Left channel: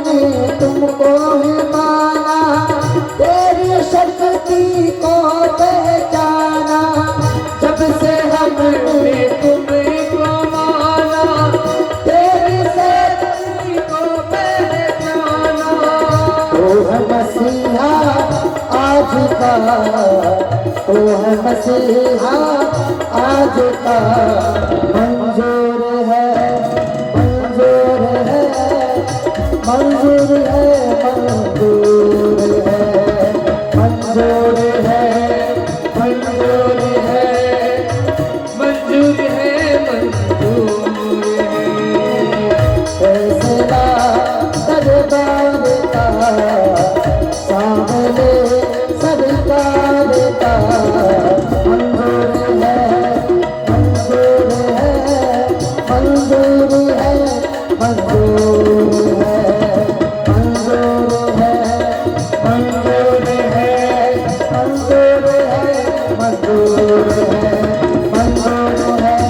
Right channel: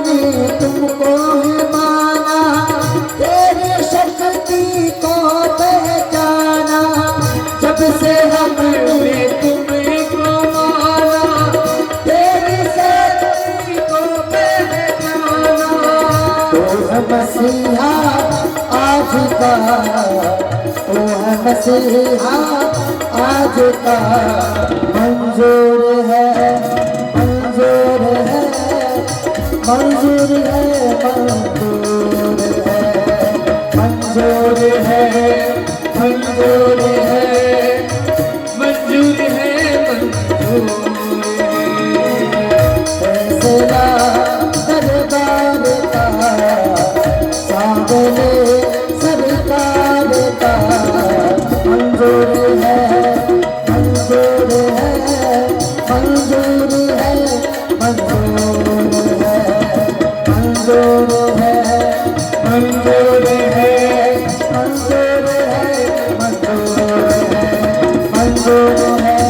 हमने तुमको है माना, तेरी शक्ति को पहचाना। जब से हमने तुमको माना, तेरी शक्ति को पहचाना। तो है मसीहा आज का, तो है मसीहा आज का। मंजूर है, मंजूर है, मंजूर है, मंजूर है, मंजूर है, मंजूर है, मंजूर है, मंजूर है। फैसला दरबार का, सामने सरकार का। मंजूर है, मंजूर है, मंजूर है, मंजूर है, मंजूर है, मंजूर है, मंजूर है, मंजूर है,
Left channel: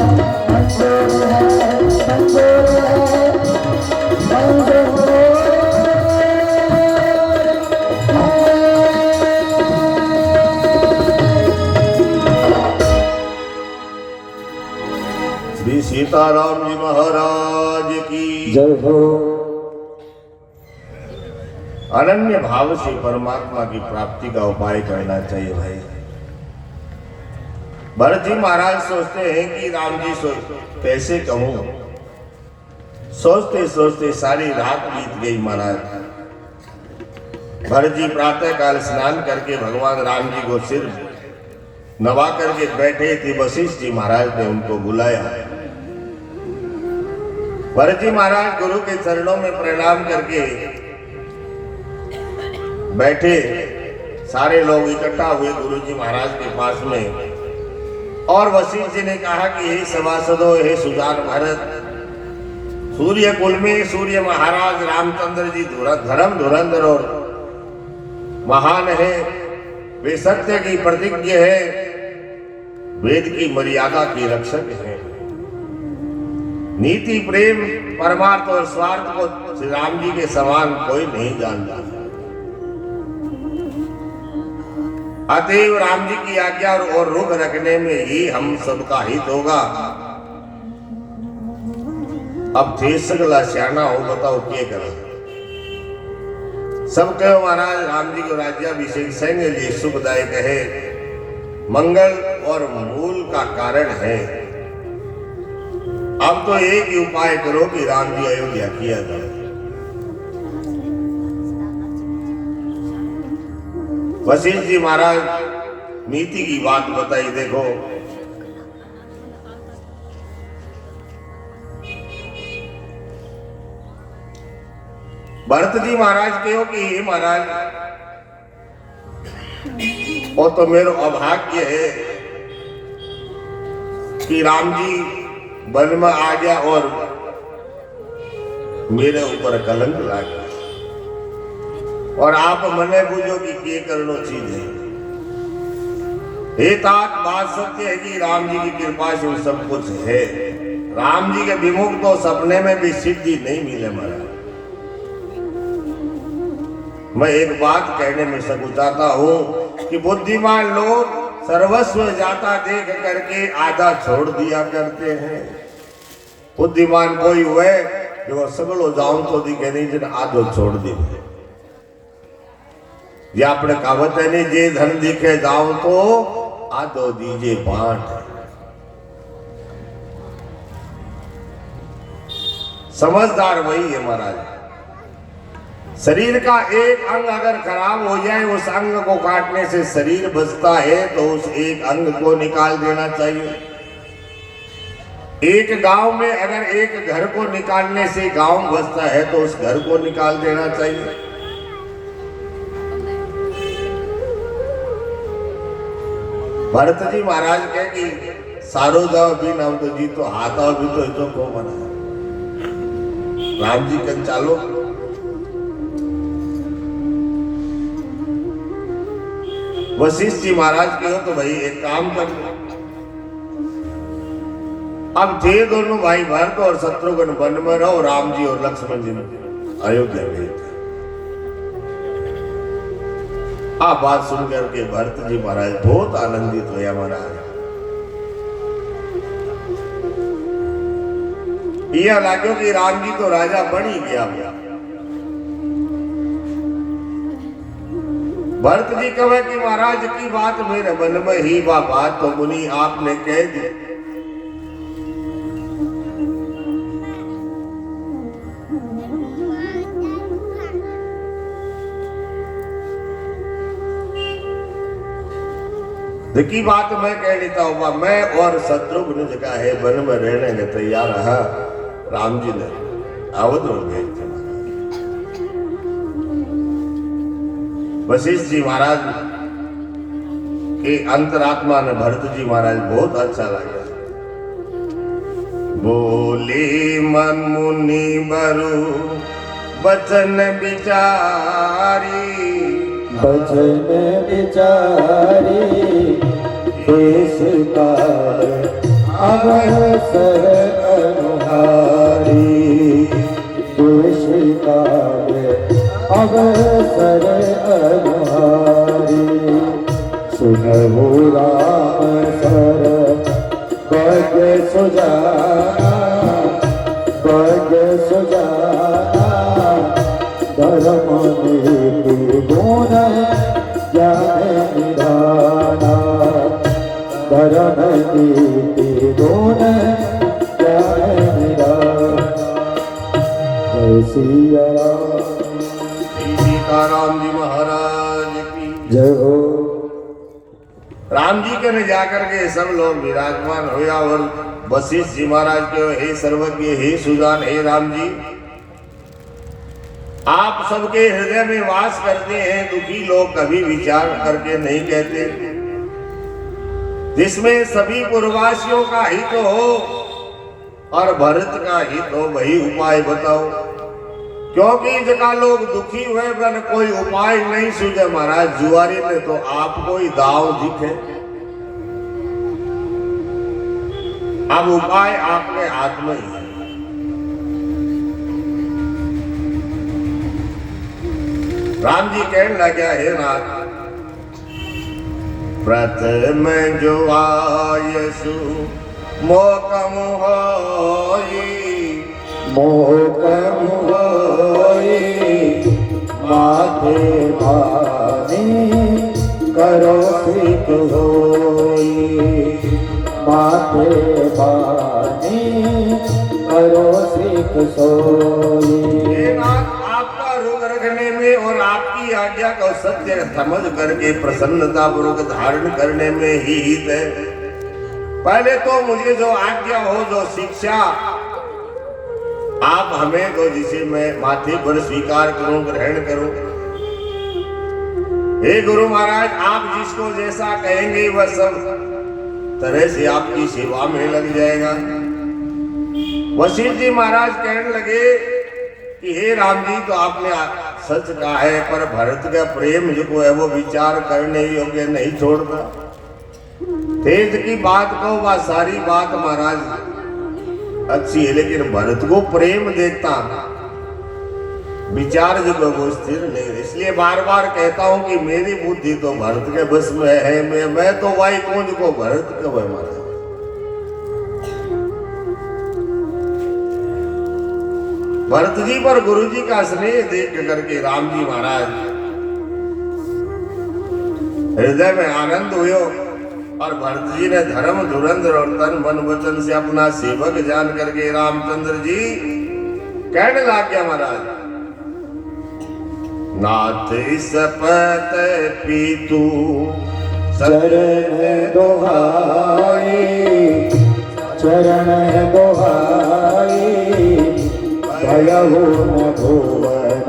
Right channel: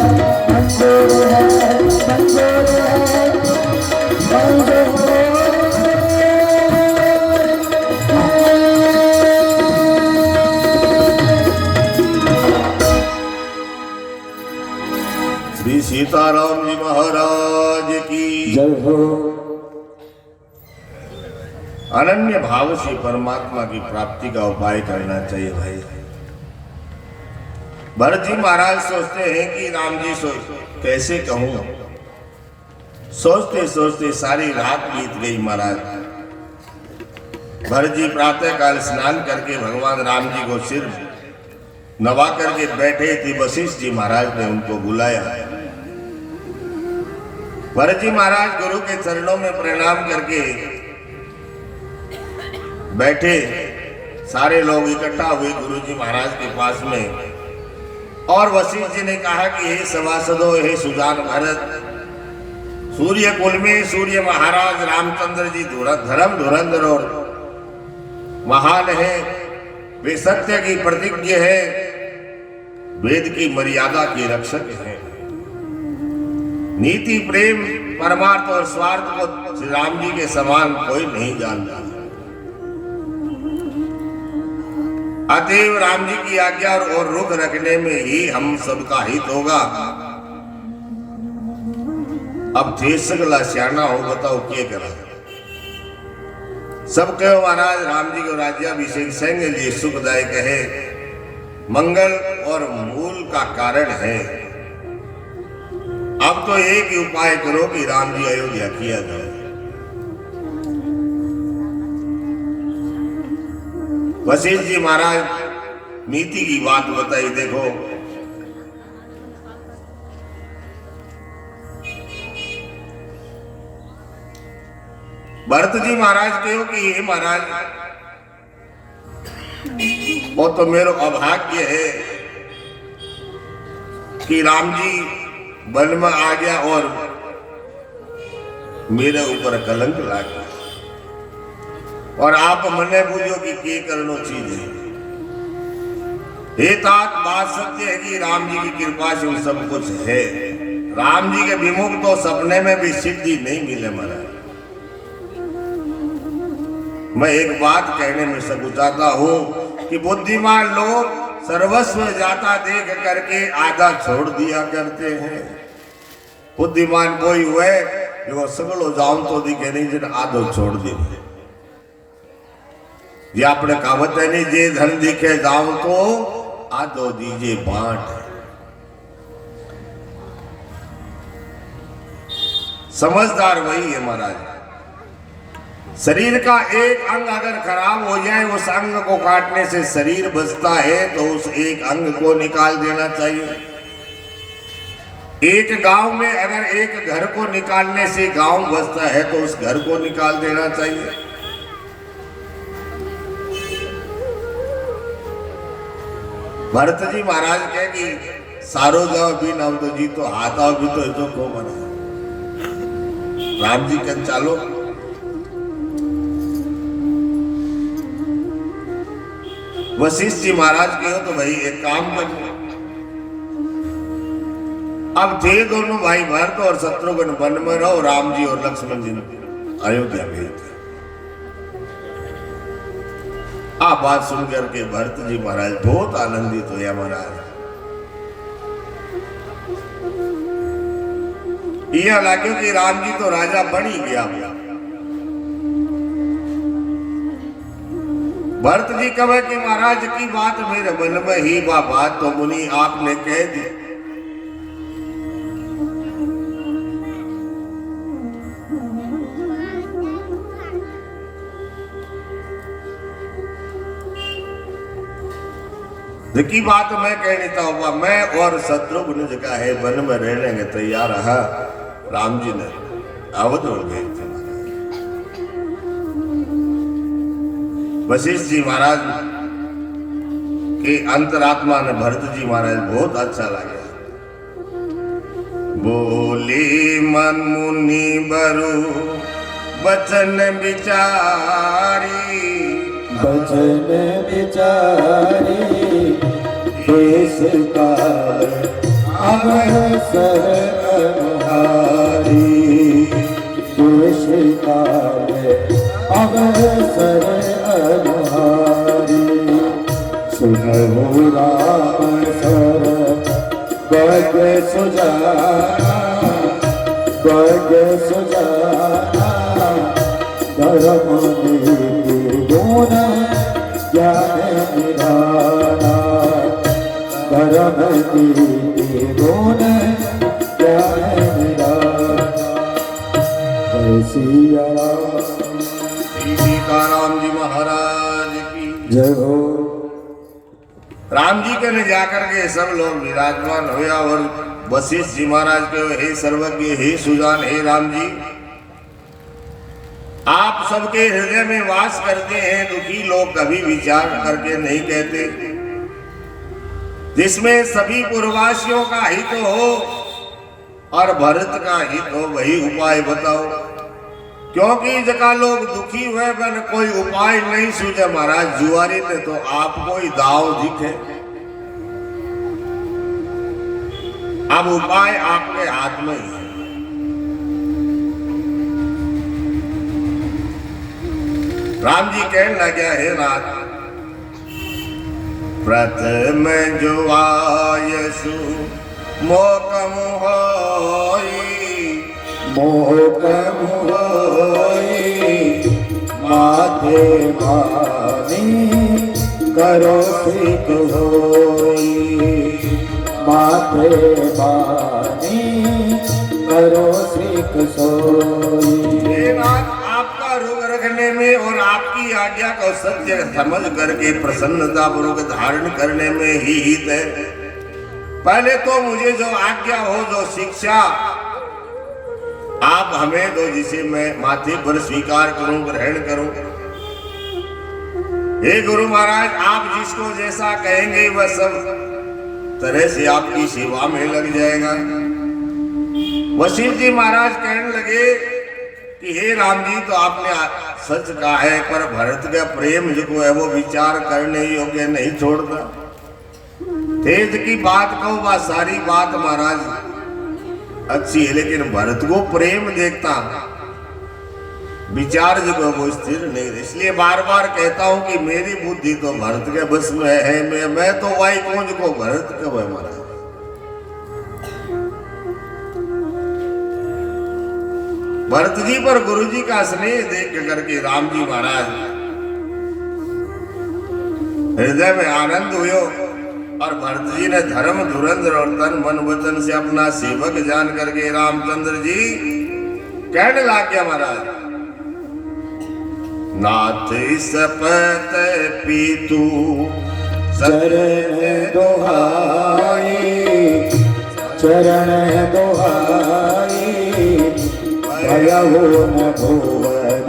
मंजूर है, मंजूर है, मंजूर है। श्री सीताराम जी महाराज की जय हो। अनन्य भाव से परमात्मा की प्राप्ति का उपाय करना चाहिए भाई। भरत जी महाराज सोचते हैं कि राम जी कैसे कहूं, सोचते सोचते सारी रात बीत गई महाराज। भरत जी प्रातः काल स्नान करके भगवान राम जी को सिर नवा करके बैठे थे। वशिष्ठ जी महाराज ने उनको बुलाया। भरत जी महाराज गुरु के चरणों में प्रणाम करके बैठे। सारे लोग इकट्ठा हुए गुरु जी महाराज के पास में। और वशिष्ठ जी ने कहा कि हे सभासदों, हे सुजान भरत, सूर्य कुल में सूर्य महाराज रामचंद्र जी धर्म धुरंधर और महान है। वे सत्य की प्रतिज्ञ है, वेद की मर्यादा की रक्षक है। नीति, प्रेम, परमार्थ और स्वार्थ को श्री राम जी के समान कोई नहीं जानता। अतएव राम जी की आज्ञा और रुख रखने में ही हम सबका हित होगा। अब थे सगला श्याना हो, बताओ क्या करें। सब कहो महाराज राम जी को राज्याभिषेक संग लिए सुखदायक है, मंगल और मूल का कारण है। अब तो एक ही उपाय करो कि राम जी अयोध्या किया जाए। वशिष्ठ जी महाराज नीति की बात बताई। देखो भरत जी महाराज कहो कि हे महाराज, वो तो मेरा अभाग्य है कि राम जी वन में आ गया और मेरे ऊपर कलंक ला गया। और आप मने पूछो कि क्या करना चीज है। हे तात, बात सत्य है कि राम जी की कृपा से सब कुछ है। राम जी के विमुख तो सपने में भी सिद्धि नहीं मिले महाराज। मैं एक बात कहने में सकुचाता हूं कि बुद्धिमान लोग सर्वस्व जाता देख करके आधा छोड़ दिया करते हैं। बुद्धिमान कोई हुए जो सगलो जाऊं तो दिखे नहीं, जिन आधो छोड़ दी। ये अपने कहावत है नहीं, जे धन दिखे जाऊं तो आधो दीजिए बांट। समझदार वही है महाराज। शरीर का एक अंग अगर खराब हो जाए, उस अंग को काटने से शरीर बचता है तो उस एक अंग को निकाल देना चाहिए। एक गांव में अगर एक घर को निकालने से गांव बचता है तो उस घर को निकाल देना चाहिए। भरत जी महाराज कहे कि सारो जाओ भी नाम तो जी तो हाथा भी तो को बना। राम जी कन चालो। वशिष्ठ जी महाराज के हो तो भाई एक काम कर। अब थे दोनों भाई भरत और शत्रुघ्न वन में रहो, राम जी और लक्ष्मण जी अयोध्या गए थे। आप बात सुनकर के भरत जी महाराज बहुत आनंदित हुए। महाराज यह लाग्यो कि राम जी तो राजा बन ही गया। भरत जी कहे कि महाराज की बात मेरे मन में ही वह बात तो मुनि आपने कह दी। की बात मैं कह देता हूँ, मैं और शत्रुघ्न जगह है वन में रहने के तैयार रहा। राम जी ने अवध हो गए थे। वशिष्ठ जी महाराज के अंतरात्मा ने भरत जी महाराज बहुत अच्छा लगा। बोले मन मुनि बरु वचन विचारी, वचन विचारी देश काल अवसर अनुहारी, देश काल अवसर अनुहारी। सुनहु राम सर वर्ग सुजाना, वर्ग सुजाना धर्म नीति गुण ज्ञान निधाना, धर्म नीति गुण ज्ञान निधाना। सिया राम जी महाराज की जय हो। राम जी के ने जाकर के सब लोग विराजमान हुआ और वशिष्ठ जी महाराज के हे सर्वज्ञ, हे सुजान, हे राम जी, आप सबके हृदय में वास करते हैं। दुखी लोग कभी विचार करके नहीं कहते, जिसमें सभी पूर्ववासियों का हित हो और भरत का हित हो, वही उपाय बताओ। क्योंकि जगह लोग दुखी हुए पर कोई उपाय नहीं सूझे। महाराज जुआरी में तो आपको ही दाव दिखे। अब उपाय आपके हाथ में ही है। राम जी कहने लगे, हे नाथ, प्रथम जो आयसु मोकम होई, मोकम होई माथे भानी करो सिक होई, माथे भानी करो सिक सोई। आपका रोग रखने में और आपकी आज्ञा को सत्य समझ करके प्रसन्नता पूर्वक धारण करने में ही हित है। पहले तो मुझे जो आज्ञा हो, जो शिक्षा आप हमें दो, जिसे मैं माथे पर स्वीकार करूं, ग्रहण करूं। हे गुरु महाराज, आप जिसको जैसा कहेंगे वह सब तरह से आपकी सेवा में लग जाएगा। वशिष्ठ जी महाराज कहने लगे कि हे राम जी, तो आपने सच कहा है, पर भरत का प्रेम जो है वो विचार करने योग्य नहीं छोड़ता। तेज की बात कहो, वह सारी बात महाराज अच्छी है, लेकिन भरत को प्रेम देखता विचार जो वो स्थिर नहीं। इसलिए बार बार कहता हूं कि मेरी बुद्धि तो भरत के बस में है। मैं तो वाई कौन को भरत का बना। भरत जी पर गुरु जी का स्नेह देख करके राम जी महाराज हृदय में आनंद हुए और भरत जी ने धर्म धुरंधर और तन मन वचन से अपना सेवक जान करके रामचंद्र जी कहने लग गया, महाराज, नाथ सपत पीतू चरण दोहाई, चरण दोहाई भयउ न भुवन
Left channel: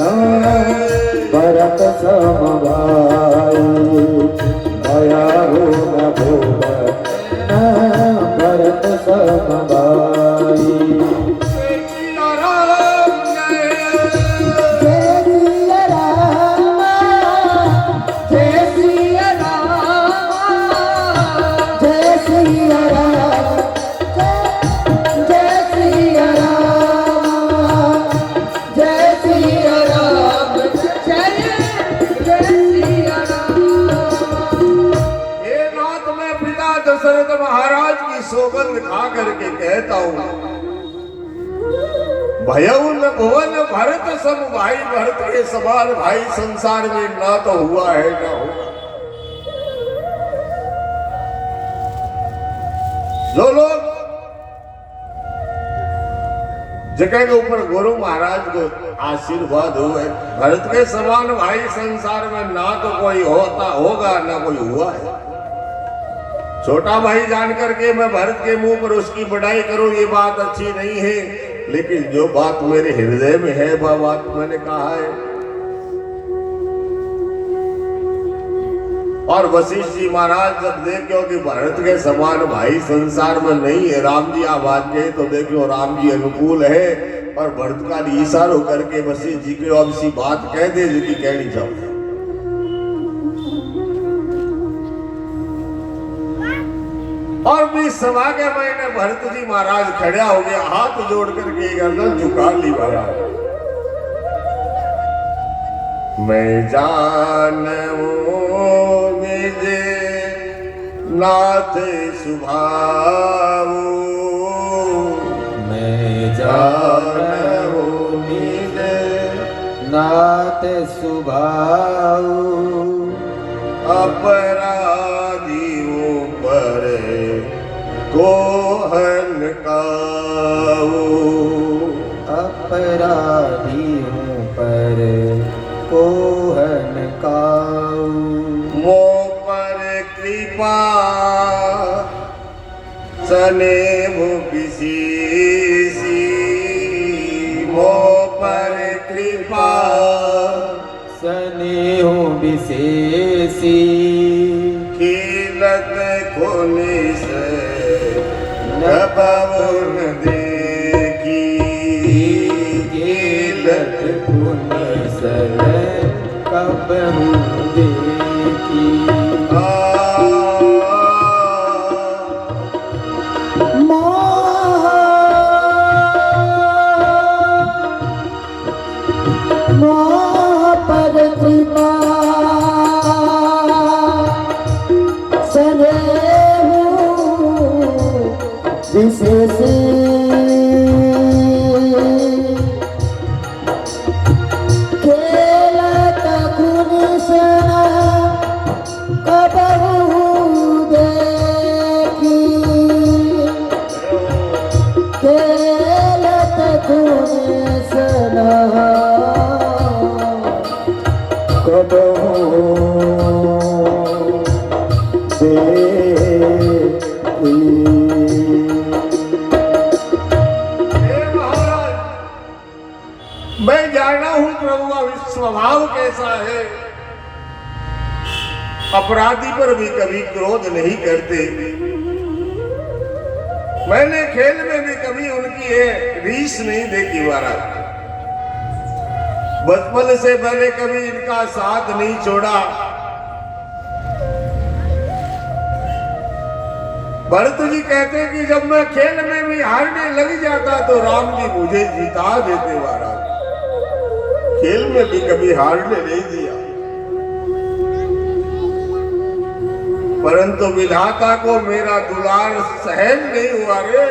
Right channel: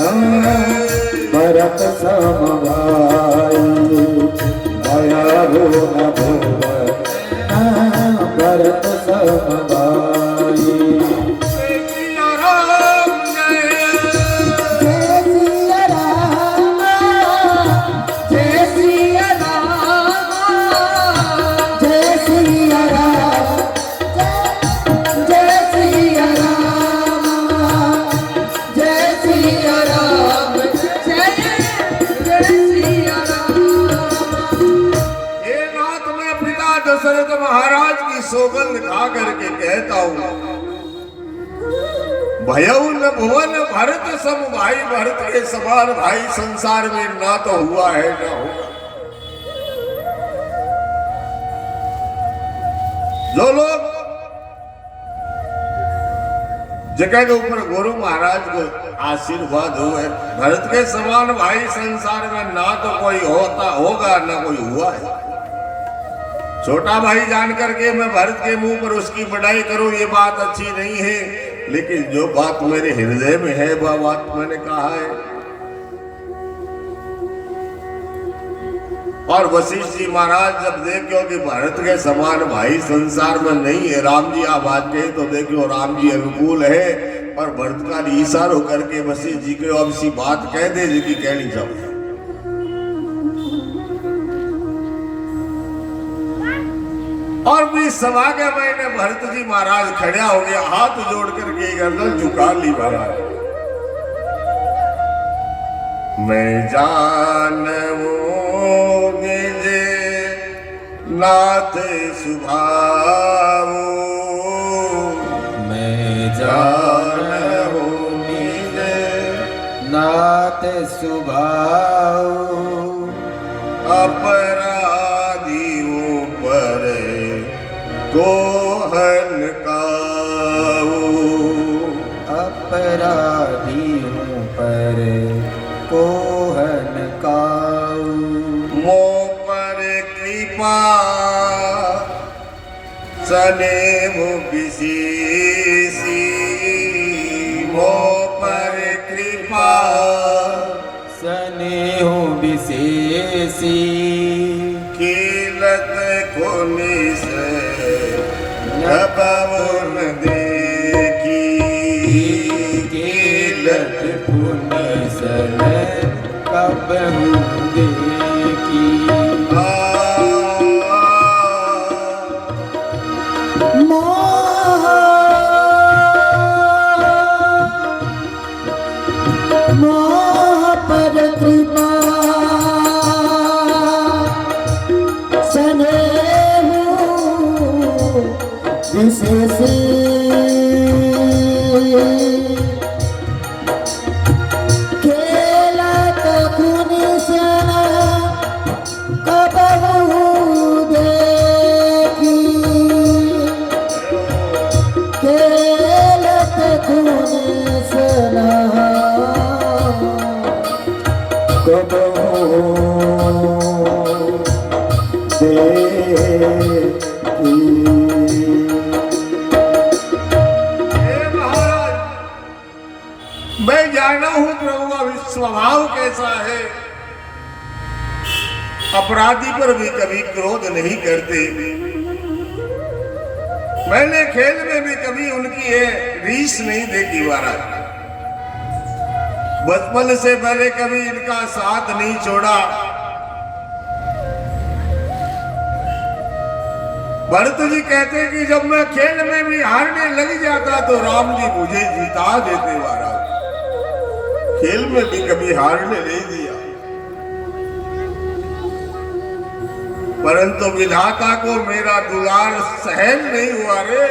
भरत समभाई, भयउ न भुवन भरत समभाई। जय भुवन भरत सम भाई, भरत के समान भाई संसार में ना तो हुआ है ना हो। जो लोग जगह के ऊपर गुरु महाराज को आशीर्वाद हुए, भरत के समान भाई संसार में ना तो कोई होता होगा ना कोई हुआ है। छोटा भाई जान करके मैं भरत के मुंह पर उसकी बड़ाई करूं ये बात अच्छी नहीं है, लेकिन जो बात मेरे हृदय में है वह बात मैंने कहा है। और वशिष्ठ जी महाराज जब देखो कि भरत के समान भाई संसार में नहीं है, राम जी आवाज कहे तो देखो राम जी अनुकूल है, और भरत का इशारा करके वशिष्ठ जी को अब सी बात कह दे जिसकी कहनी चाहिए। और भी सभा के मैंने भरत जी महाराज खड़ा हो गया, हाथ जोड़ करके गर्दन झुका ली महाराज। मैं जानूं निज नाथ सुभाऊ, मैं जानूं निज नाथ सुभाऊ, अपराधियों पर कोहन काऊ, अपराधियों पर कोहन काऊ, मो पर कृपा स्नेह विशेषी, मो पर कृपा स्नेह विशेषी, खिलत खुनिस पवन देखी, खिलत खुनिस पवन देखी। मोह पर कृपा स्नेह विशेषी, खेलत खुनिस कबहू देखी, खेलत खुनिस मैं जाना हूं प्रभु स्वभाव कैसा है। अपराधी पर भी कभी क्रोध नहीं करते, मैंने खेल में भी कभी उनकी रीस नहीं देखी महाराज। बचपन से मैंने कभी इनका साथ नहीं छोड़ा। भरत जी कहते कि जब मैं खेल में भी हारने लग जाता तो राम जी मुझे जिता देते महाराज। खेल में भी कभी हारने नहीं दिया, परंतु विधाता को मेरा दुलार सहन नहीं हुआ रे,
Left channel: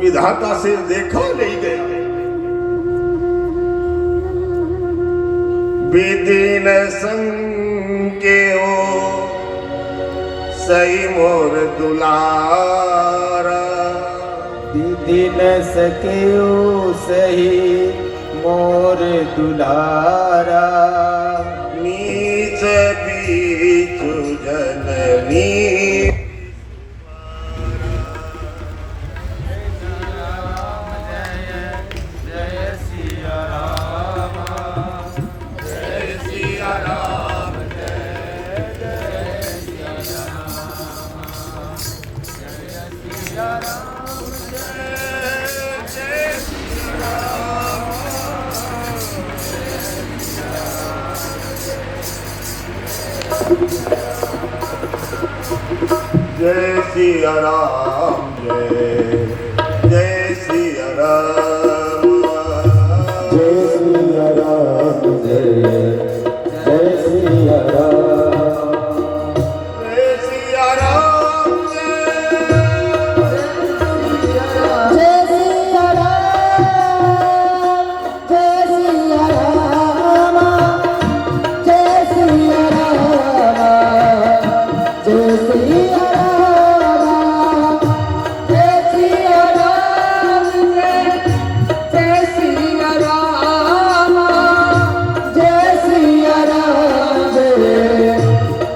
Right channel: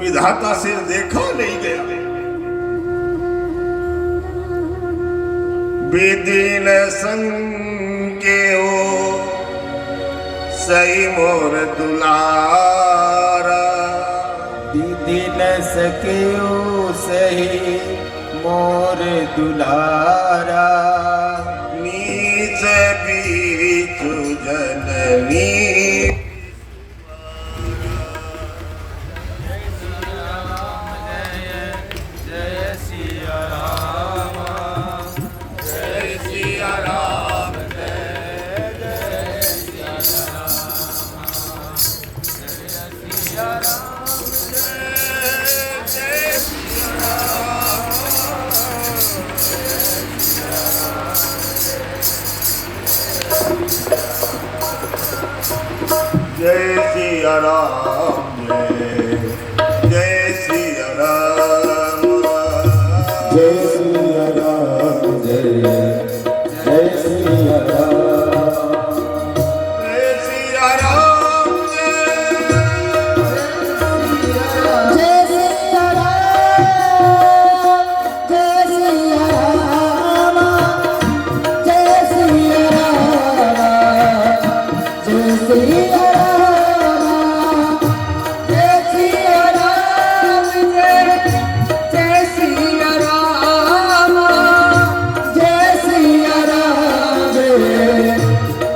विधाता से देखा नहीं गया। विधि न संगे हो सही मोर दुलारा, विधि न सके सही मोर दुलारा, नीच बीच जननी जय सिया राम, जय सिया राम, जय सिया राम, जय सिया राम, जय सिया राम, जय सिया राम।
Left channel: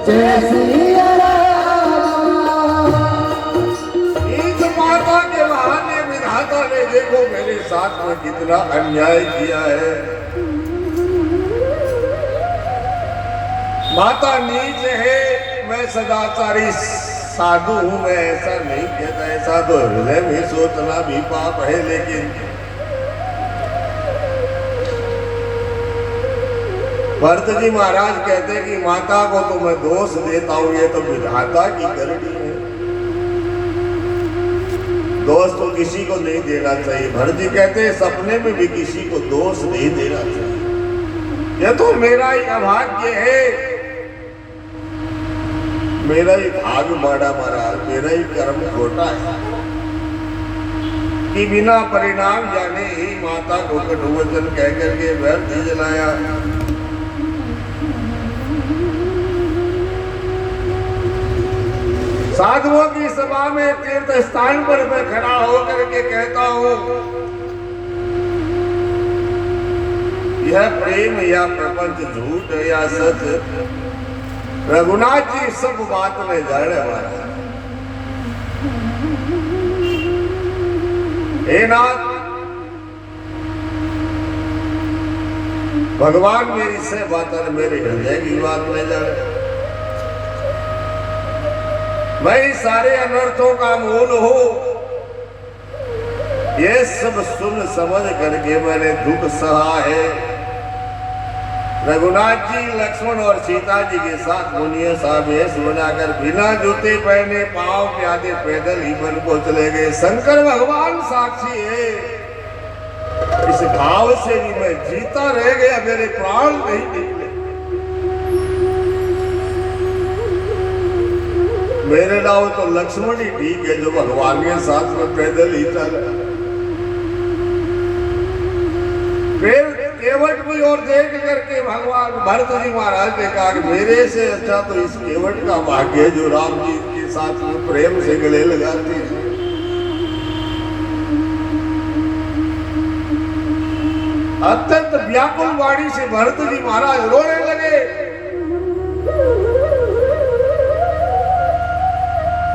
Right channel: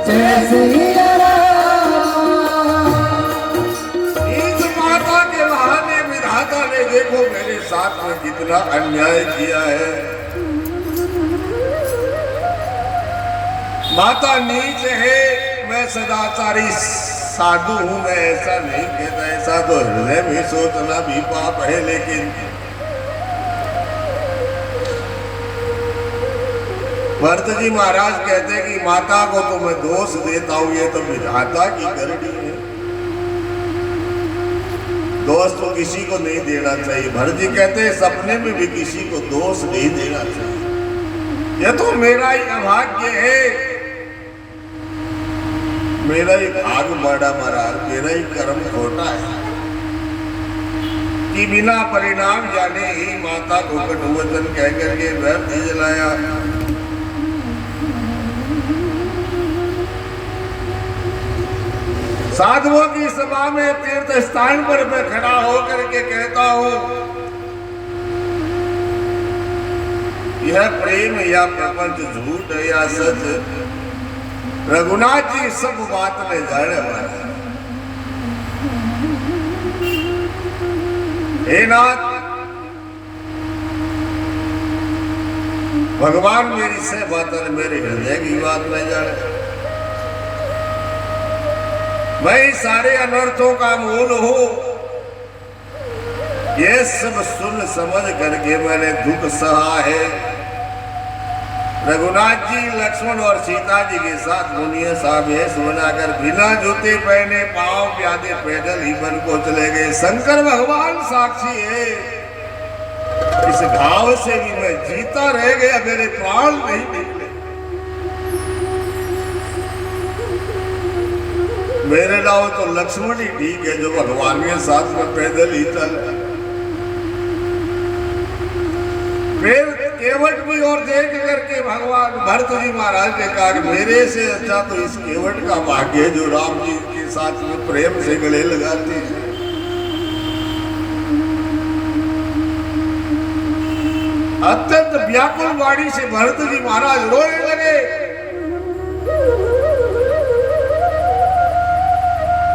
जय सिया राम इस माता के बहाने विधाता ने देखो मेरे साथ में कितना अन्याय किया है। माता नीच है, मैं सदाचारी साधु हूं, मैं ऐसा नहीं कहता, ऐसा तो हृदय में सोचना भी पाप है। लेकिन भरत जी महाराज कहते हैं कि माता को तो मैं दोष देता हूं, ये तो विधाता की करनी है, दोष तो किसी को नहीं देना चाहिए। भरत जी कहते हैं सपने में भी किसी को दोष नहीं देना चाहिए, ये तो मेरा ही अभाग्य है, मेरा ही भाग बड़ा महाराज, मेरा ही कर्म खोटा है कि बिना परिणाम जाने ही माता को कटुवचन कह करके व्यर्थ जलाया। साधुओं की सभा में तीर्थ स्थान पर मैं खड़ा होकर के कहता हूं, यह प्रेम या प्रपंच झूठ है या सच, रघुनाथ जी सब बात में जड़ है। हे नाथ, भगवान मेरी से बात मेरे हृदय की बात में जड़, मैं इस सारे अनर्थों का मूल हूं, ये सब सुन समझ करके मैंने दुख सहा है। रघुनाथ जी लक्ष्मण और सीता जी के साथ मुनियों सा वेश बनाकर बिना जूते पहने पांव प्यादे पैदल ही वन को चले गए। शंकर भगवान साक्षी है, इस भाव से भी मैं जीता रह गया, मेरे प्राण नहीं निकले। मेरे नाम तो लक्ष्मण ही ठीक है जो भगवान के साथ में पैदल ही चल। फिर केवट की ओर देख करके भगवान भरत जी महाराज ने कहा कि मेरे से अच्छा तो इस केवट का भाग्य है जो राम जी के साथ में प्रेम से गले लगाते हैं। अत्यंत व्याकुल वाणी से भरत जी महाराज रोने लगे।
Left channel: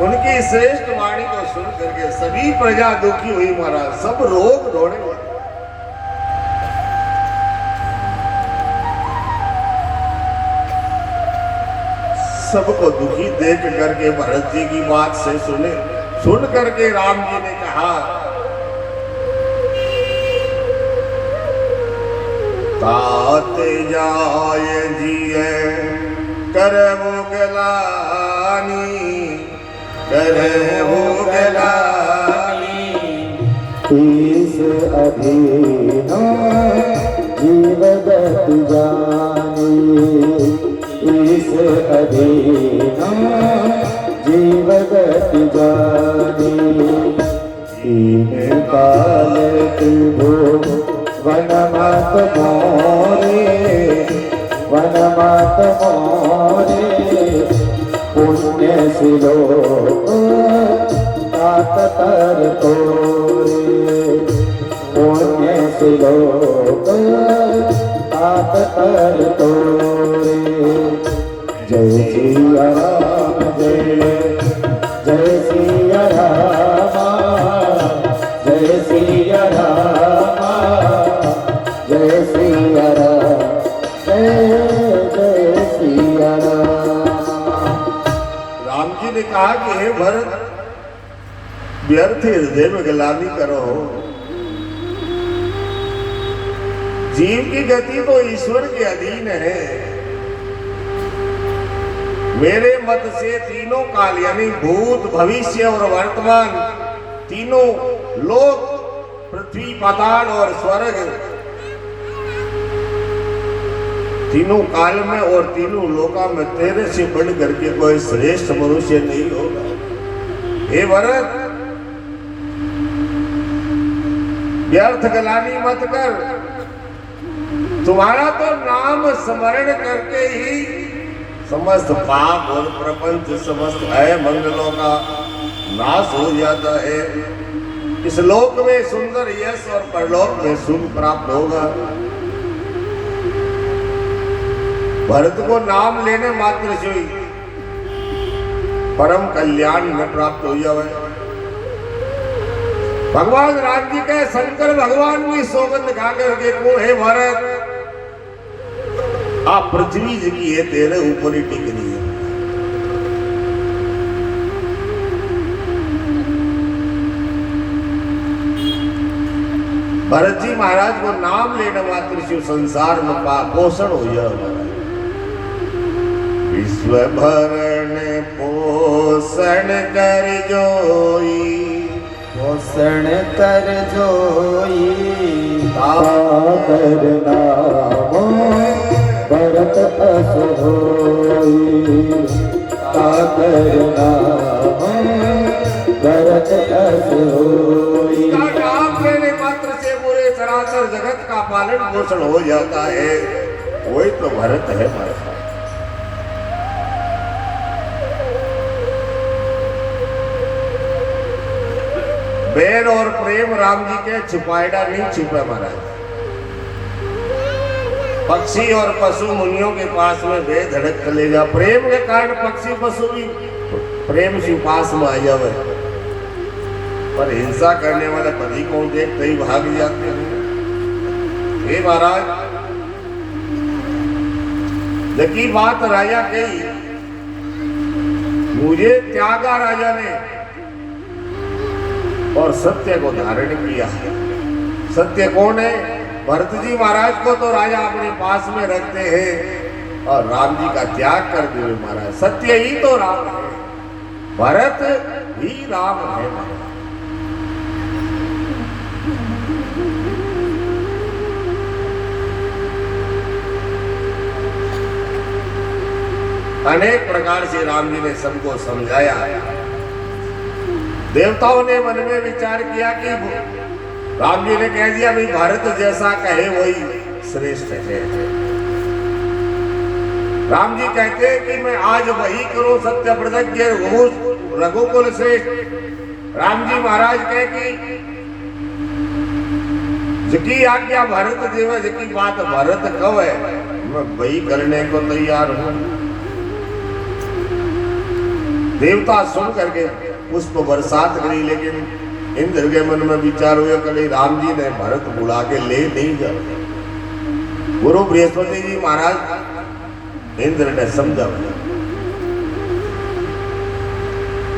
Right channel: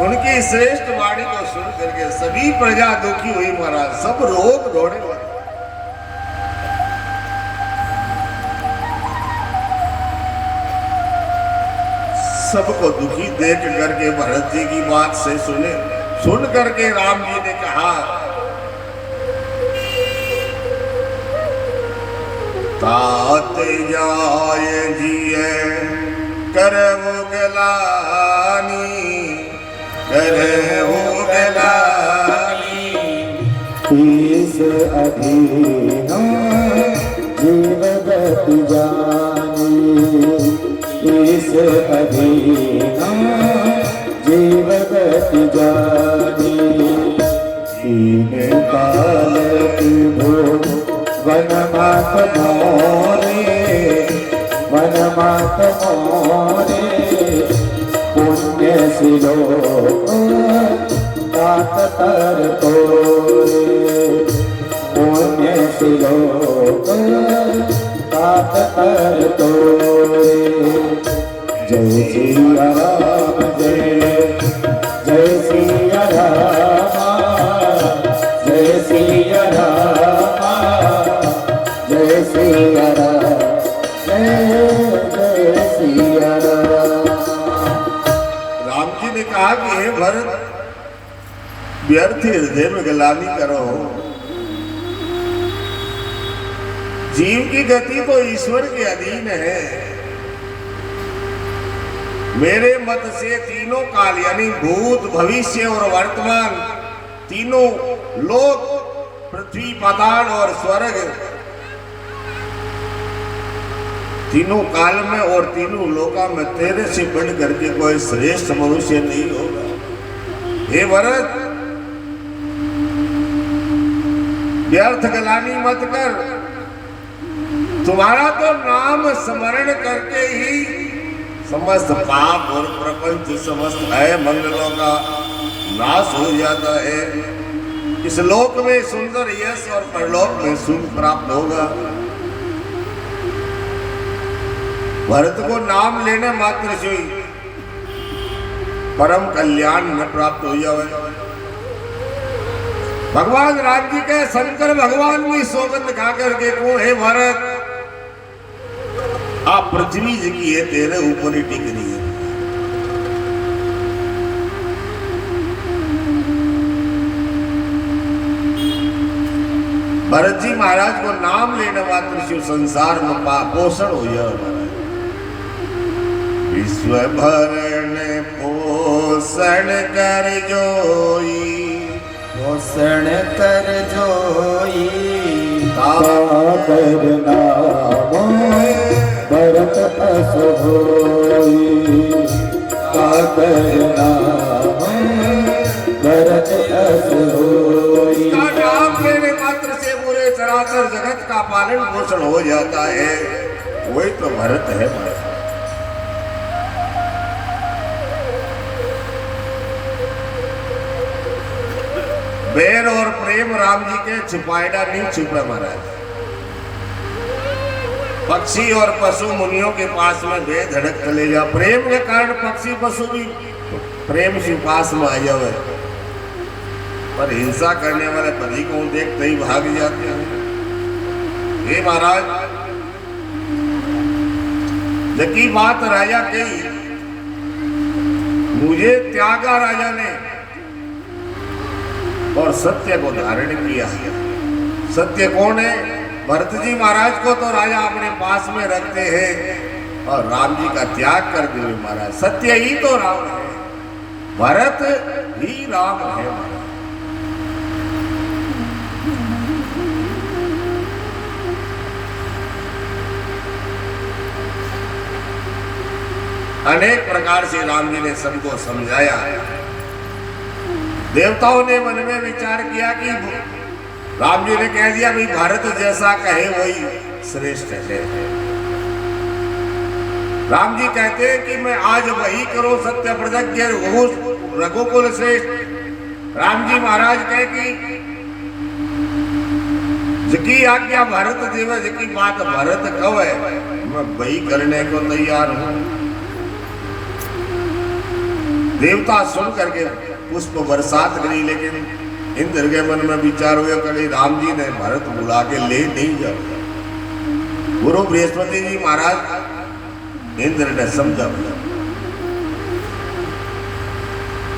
उनकी श्रेष्ठ वाणी को सुन करके सभी प्रजा दुखी हुई महाराज, सब लोग रोने लगे। सबको दुखी देख करके भरत जी की बात से सुन करके राम जी ने कहा, तात जाय जिए करहु गलानी, करहु गलानी, ईस अधीन जीवगति जानी, ईस अधीन जीवगति जानी, कीन काल तुभो वनमत मोरे, वनमत मोरे, पुण्य सिलो तात तर तोरे, पुण्य सिलो तात तर तोरे। जय सिया राम जय, जय सिया राम, जय सिया राम, जय सिया राम, जय सिया राम। राम जी ने कहा कि हे भरत, व्यर्थ हृदय में गलानी करो, जीव की गति तो ईश्वर के अधीन है। मेरे मत से तीनों काल यानी भूत भविष्य और वर्तमान तीनों लोक, पृथ्वी पाताल और स्वर्ग, तीनों काल में और तीनों लोका में तेरे से बढ़ करके कोई श्रेष्ठ मनुष्य नहीं होगा। हे भरत, व्यर्थ गलानी मत कर, तुम्हारा तो नाम स्मरण करके ही समस्त पाप और प्रपंच समस्त भय मंगलों का नाश हो जाता है। इस लोक में सुंदर यश और परलोक में सुख प्राप्त होगा। भरत को नाम लेने मात्र से परम कल्याण न प्राप्त हो जाए। भगवान राम जी के शंकर भगवान की सौगंध खा करके कौन है भरत, आप पृथ्वी जी की है, तेरे ऊपर ही टिक रही है। भरत जी महाराज को नाम लेने मात्र शिव संसार में पोषण हो जाए। विश्व भरण पोषण कर जोई, पोषण कर जोई, सागर नाम भरत अस होई, सागर नाम भरत अस होई। नाम लेने मात्र से पूरे चराचर जगत का पालन पोषण हो जाता है, वही तो भरत है। बैर और प्रेम राम जी के छिपाएगा नहीं छुपे महाराज। पक्षी और पशु मुनियों के पास में बेधड़क चले जा, प्रेम के कारण पक्षी पशु भी प्रेम से पास में आ जावे, पर हिंसा करने वाले पति को देखते ही भाग जाते हैं। हे महाराज, जबकि बात राजा कही, मुझे त्यागा राजा ने और सत्य को धारण किया है। सत्य कौन है? भरत जी महाराज को तो राजा अपने पास में रखते हैं और राम जी का त्याग कर दिए महाराज। सत्य ही तो राम है, भरत ही राम है। अनेक प्रकार से राम जी ने सबको समझाया। देवताओं ने मन में विचार किया कि राम जी ने कह दिया भाई भारत जैसा कहे वही श्रेष्ठ है। राम जी कहते हैं कि मैं आज वही करो सत्य प्रज्ञ रघुकुल श्रेष्ठ। राम जी महाराज कहे कि जिकी आज्ञा भारत देवे, जिकी बात भारत कहे, मैं वही करने को तैयार हूं। देवता सुन करके पुष्प बरसात करी, लेकिन इंद्र के मन में विचार हुए कभी राम जी ने भरत बुला के ले नहीं जाते। गुरु बृहस्पति जी महाराज इंद्र ने समझा दिया।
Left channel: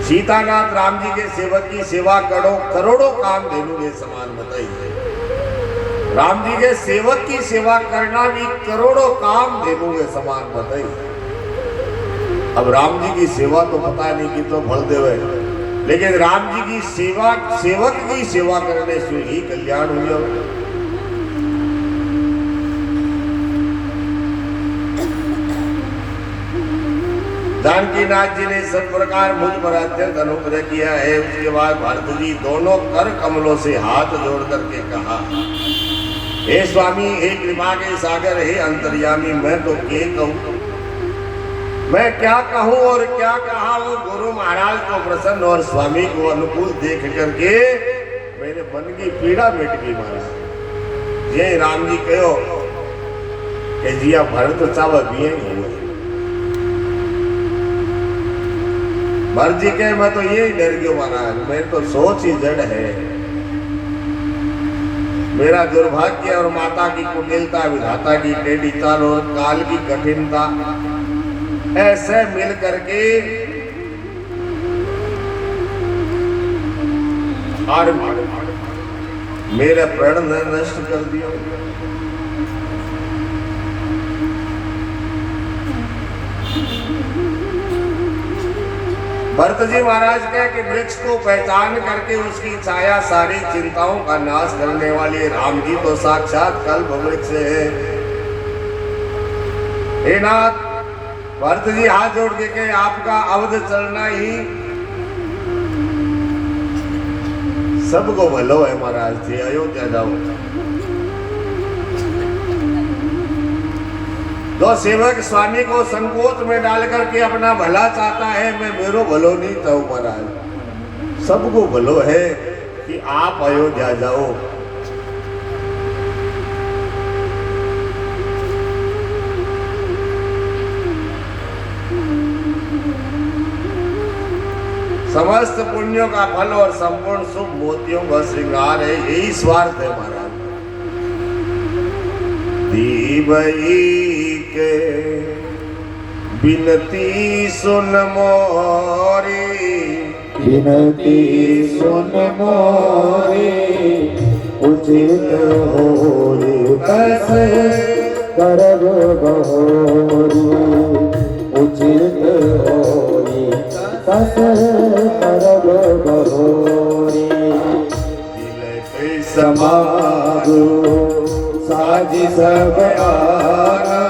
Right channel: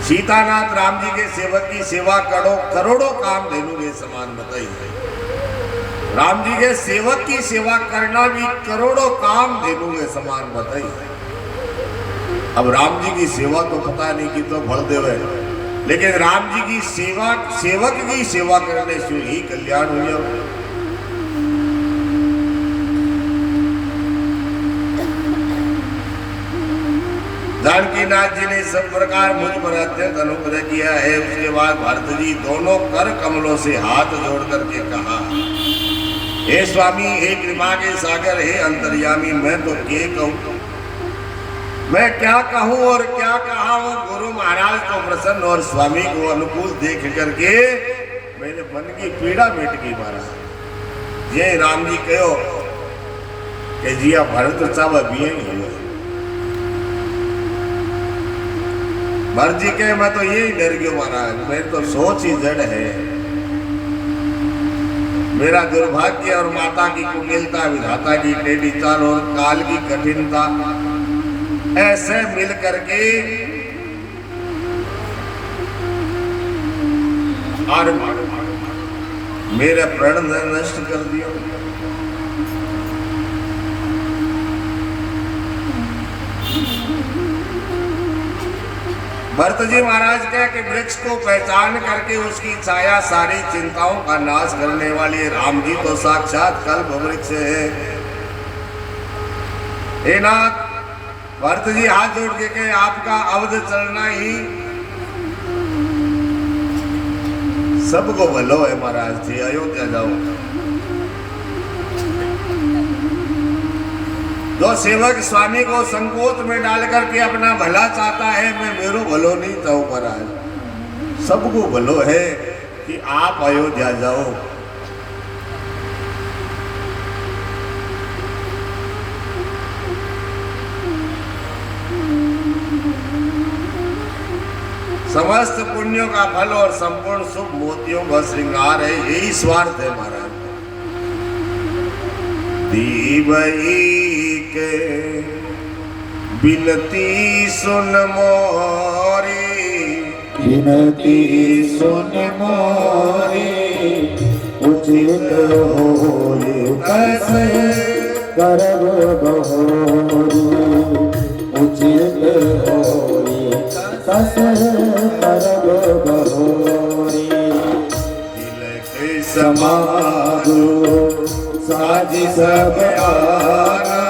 सीतानाथ राम जी के सेवक की सेवा करो, करोड़ों काम धेनु के समान बताइए। राम जी के सेवक की सेवा करना भी करोड़ों काम धेनु के समान बताइए। अब राम जी की सेवा तो पता नहीं कि तो भर देवे, लेकिन राम जी की सेवा, सेवक की सेवा करने से ही कल्याण हो जाए। जानकीनाथ जी ने सब प्रकार मुझ पर अत्यंत अनुग्रह किया है। उसके बाद भरत जी दोनों कर कमलों से हाथ जोड़ करके कहा, हे स्वामी, हे कृपा के सागर, हे अंतर्यामी, मैं तो के कहूं, मैं क्या कहूं और क्या कहा। वो गुरु महाराज को प्रसन्न और स्वामी को अनुकूल देख करके मेरे मन की पीड़ा मिट गई महाराज। ये राम जी कहो कि जिया भरत सब अभी हुए। भरत जी कहे मैं तो यही डर गयो महाराज, मैं तो सोच ही जड़ है। मेरा दुर्भाग्य और माता की कुटिलता, विधाता की टेढ़ी चाल और काल की कठिनता ऐसे मिल करके और मेरे प्रण नष्ट कर दिया। भरत जी महाराज कहे कि वृक्ष को पहचान करके उसकी छाया सारी चिंताओं का नाश करने वाली राम जी तो साक्षात कल्प वृक्ष है। हे नाथ, भरत जी हाथ जोड़ के कहे आपका अवध चलना ही सबको भलो है महाराज जी, अयोध्या जाओ। जो सेवक स्वामी को संकोच में डाल करके अपना भला चाहता है, मैं मेरो भलो नहीं चाहूं महाराज, सबको भलो है कि आप अयोध्या जाओ। समस्त पुण्यों का फल और संपूर्ण शुभ मोतियों का श्रृंगार है, यही स्वार्थ है महाराज। दीवई के बिनती सुन मोरी, बिनती सुन मोरी, उचित होई कस करब बहोरी, उचित होई कस करब बहोरी। तिलक समागो साजी सब आना,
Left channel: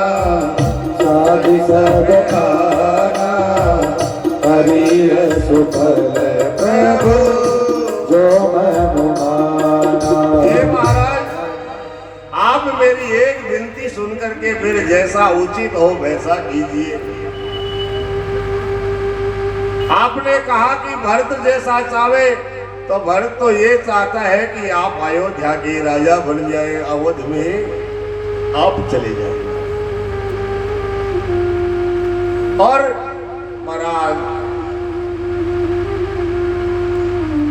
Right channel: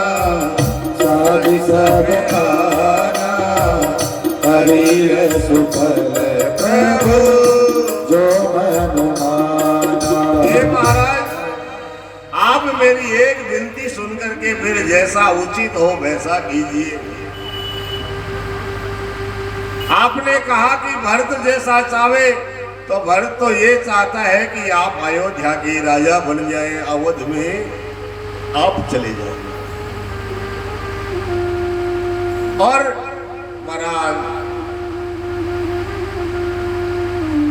साजी सब आना, करिय सुफल प्रभु जो मन माना। हे महाराज, आप मेरी एक विनती सुन करके फिर जैसा उचित हो वैसा कीजिए। आपने कहा कि भरत जैसा चाहे, तो भरत तो ये चाहता है कि आप अयोध्या के राजा बन जाए, अवध में आप चले जाए। और महाराज,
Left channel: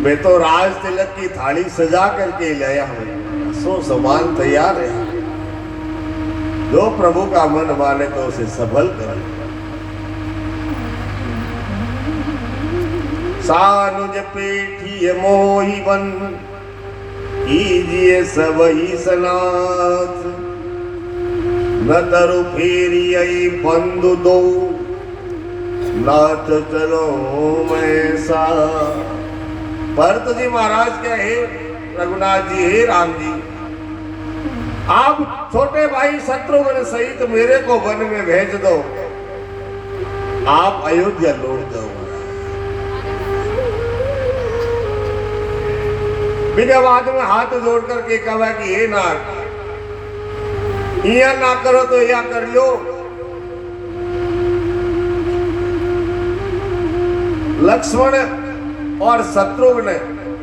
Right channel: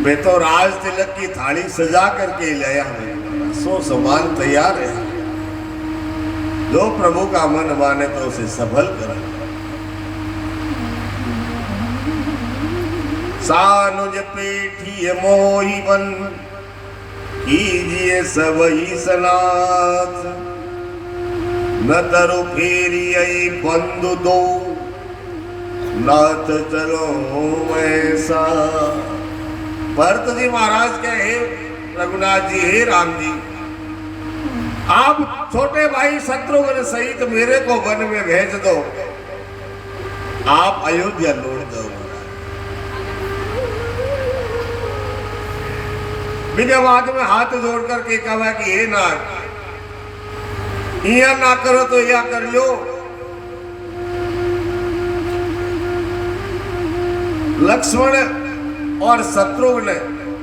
मैं तो राज तिलक की थाली सजा करके लाया हूं, सो सामान तैयार है। जो प्रभु का मन माने तो उसे सफल करे। सानुज पेठी मोहि बन, कीजिए सब ही सनाथ। न तरु फेरिए बंधु दो, नाथ चलो ऐसा। भरत जी महाराज के हे रघुनाथ जी, हे राम जी, आप छोटे भाई शत्रुघ्न सहित मेरे को वन में भेज दो, आप अयोध्या लौट दो। बिना बाद में हाथ जोड़ करके कहा कि हे नाथ, यहाँ ना करो तो या कर लो। लक्ष्मण और शत्रुघ्न